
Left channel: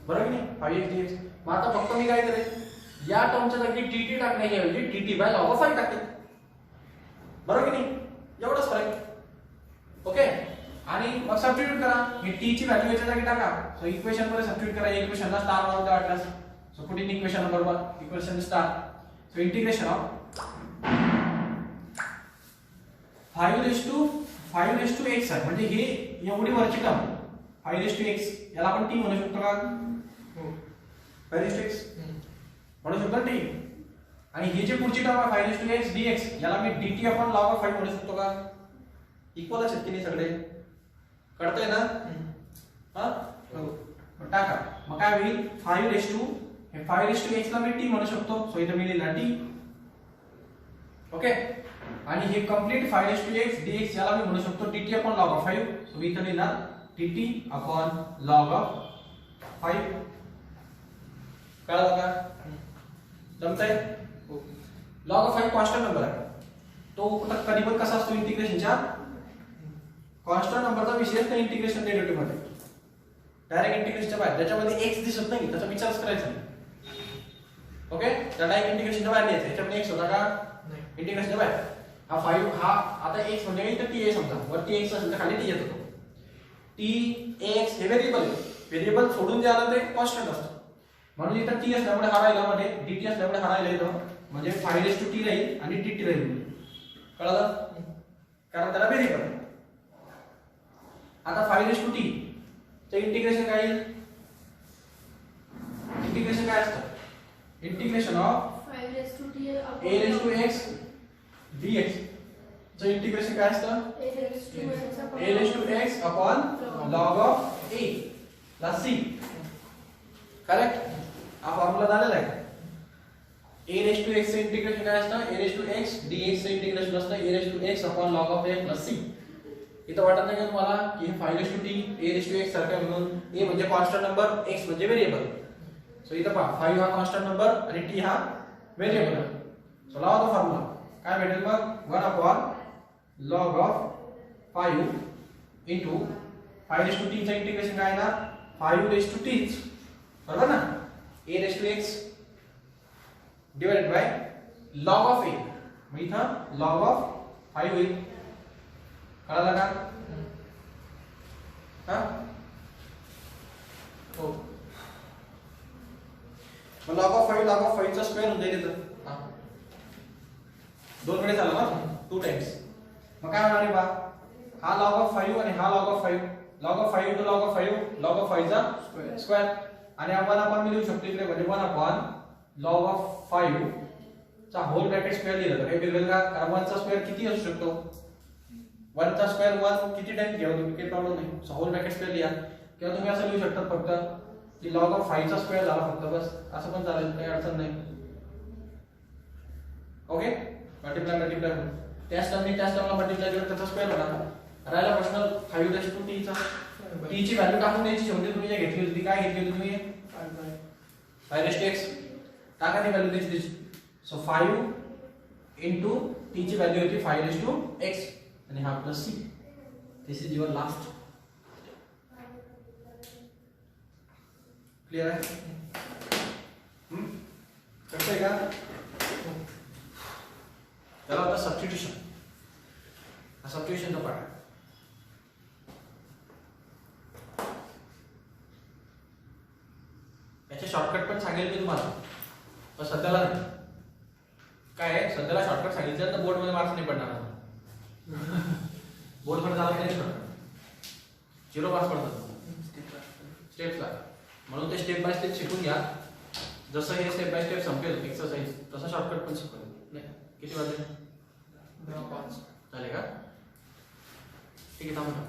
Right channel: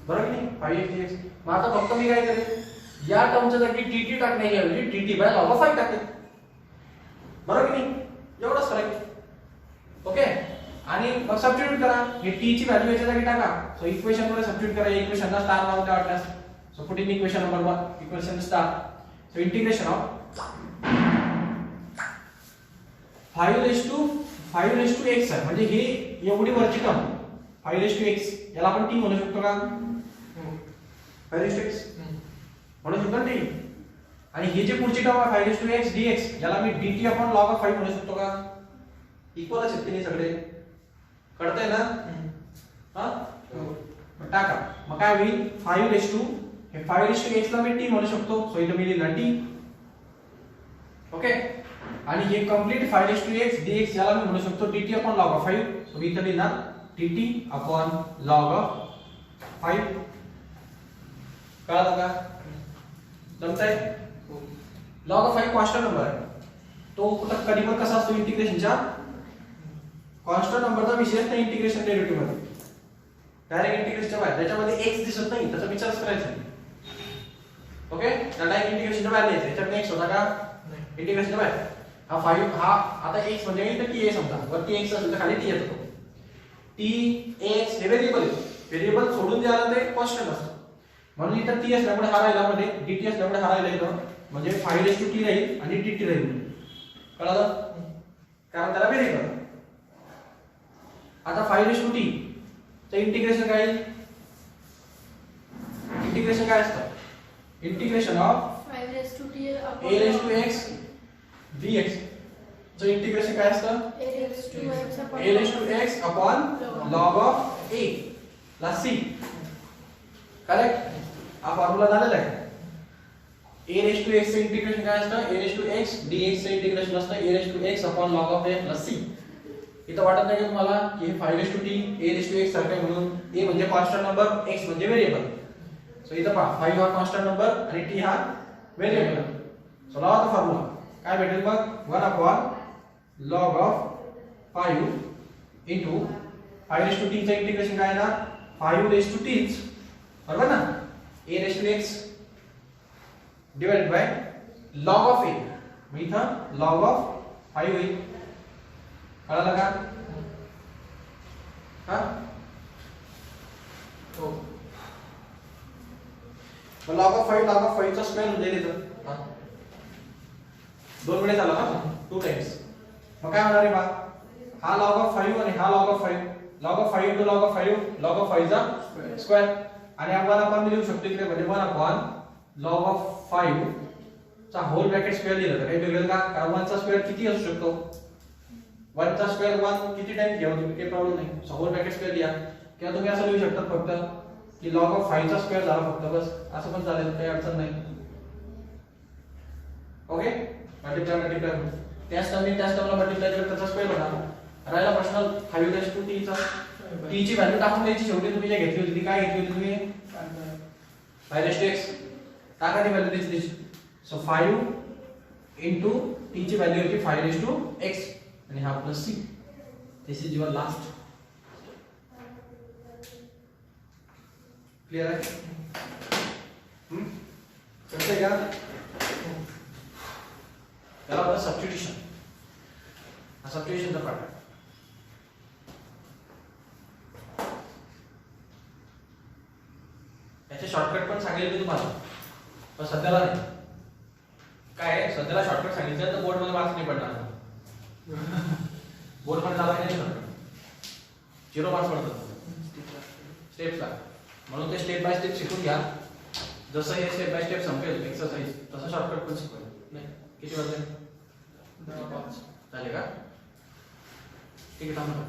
बरोबर की नाही, 5x. मग आता फक्त मी काय करेन, या टर्मच्या जागी dt टाकण्याऐवजी dt बाय log ऑफ 5 टाकेल, बरोबर की नाही, एवढंच फरक. ओके, आणि मग सबस्टिट्यूट करा, हे t ची व्हॅल्यू याच्या जागी टाका. सो इक्वेशन मध्ये सबस्टिट्यूट करा, इक्वेशनला स्टार लावून द्या वाटल्यास. So put in equation number 1 equation star. So integration of 5 raised to x आहे, म्हणजे हे एवढी वरची टर्म 5 raised to x, याला आपण t म्हणू शकतो का, 5 raised to x म्हणू शकतो ना t. आणि ही जी पुढची टर्म आहे 5 raised to x dx, याला मी dt upon log of 5 म्हणू शकतो का. इक्वल आहे की सगळे, कळतंय ना. हा टाका, मग काय होईल, 5 raised to हे 5 raised to x ला मी t म्हणू शकतो. सो इथे मी लिहिला t. ओके, आणि हे complete 5 raised to x dx याला मी म्हणू शकतो dt upon log of 5. So इथे लिहिणार dt upon log of 5. कळलं का, जमतंय. log of 5 कॉन्स्टंट नंबर आहे, तो कधी पण कसा असतो इंटिग्रेशनच्या, कॉन्स्टंट नंबरचा विषय नाही इंटिग्रेशन डेरिव्हेटिव्ह मध्ये. डायरेक्ट इंटिग्रेशनच्या बाहेर त्याच्यामध्ये x दिसत नाही, त्याचा विचारच करायचा नाही. ओके, त्याला एक इंटिग्रेशनच्या बाहेर लिहायचं, याच्यात x होता का इंटिग्रेशनच्या बाहेर. हा 5 हा आता x म्हणजे इथे t आहे समजा, वरती x असेल तर खाली t येतो. t x हे व्हेरिएबल आहे, व्हेरिएबल सोडून जे आलं ते कॉन्स्टंट असतं. म्हणून इथं t असल्यामुळे हा राहिला, मध्ये dt असल्यामुळे हा राहिला इथं, म्हणजे 5 raised to t राहील आणि dt राहील. कळलं, कारण त्याला व्हेरिएबल. आता 5 raised to t तर इंटिग्रेशन काय येईल, इंटिग्रेशन काय असतं, integration of 5 raised to t a raised to x dx. चं इंटिग्रेशन काय असतं, a raised to x upon log of a plus c. Correct, हा फॉर्म्युला झालेला आहे. a raised to x चं इंटिग्रेशन काय असतं, a raised to x dx चं इंटिग्रेशन असतं a raised to x upon log of a plus c. इथं वाटत नाही तुम्हाला की हे 5 raised to t a raised to x सारखं, म्हणून a म्हणजे कॉन्स्टंट नंबर, x म्हणजे व्हेरिएबल. सो इथं पहा 5 हा कॉन्स्टंट नंबर आणि t हा व्हेरिएबल. सो लावा तो फॉर्म्युला, काय भेटेल मग, 1 upon log of 5 into 5 raised to t चं इंटिग्रेशन काय येणार, 5 raised to t, बरोबर ना, a raised to x divided by log of a. मग इथं log of 5 होईल. कळलं का, हा हो. log of 5 चा स्क्वेअर होऊन जाईल इथं, 2 वेळेस आला ना, 2 टाइम्स. मग काय होणार आहे बा, हा log of 5 आणि हा log of 5, log of 5 into log of 5, log of 5 चा स्क्वेअर. आणि आपण आपण लिहू शकतो इकडे म्हणजे 1 upon log of 5 चा होल ब्रॅकेट स्क्वेअर लिहिलं तर काही वेगळं का, कारण 1 चा स्क्वेअर किती असू शकतो, 1 चा स्क्वेअर 1 किती टाइम घ्यावा तुम्ही, काही प्रॉब्लेम नाही. सो होल ब्रॅकेट स्क्वेअर लिहा, किंवा तुम्ही असं लिहू शकता फक्त की log of 5 चा स्क्वेअर झाला फक्त, बस असं पण चालेल, काही अडचण नाही. ओके, मल्टिप्लाय त्याच टर्मला मल्टिप्लाय केलं त्याचा स्क्वेअर होणार. राहिला प्रश्न 5 raised to t चा, t ची व्हॅल्यू टाकून द्यायची. शेवटी तुम्ही जे घेतली होती काय घेतली होती तुम्ही, 5 raised to x टाका, ती व्हॅल्यू द्यायची. सो 5 into t ची व्हॅल्यू होती 5 raised to x आणि हा plus c. This is your last. Clear आहे, कळतंय का. त्याला होता सबस्टिट्यूशन, हा सबस्टिट्यूशनचा पार्ट. त्याचे शॉर्टकट पण सांगेल मी तुम्हाला, पण सध्याला नाही. काय आहे, सध्याला शॉर्टकट सांगितलं तर बोर्डमध्ये मार्क्स नाही पडणार. बोर्डमध्ये जायला नाही पडणार. 0 मार्क्स पडतात स्टेप्सला. म्हणून ते स्टेप बाय स्टेप शिकून घ्या. जसं हे स्टेप बाय स्टेप संपेल एक्सरसाइज तसं शॉर्टकट पण शिकवा. नाही किती वाजले? 10:05 झाले का? ठीक आहे थांबा.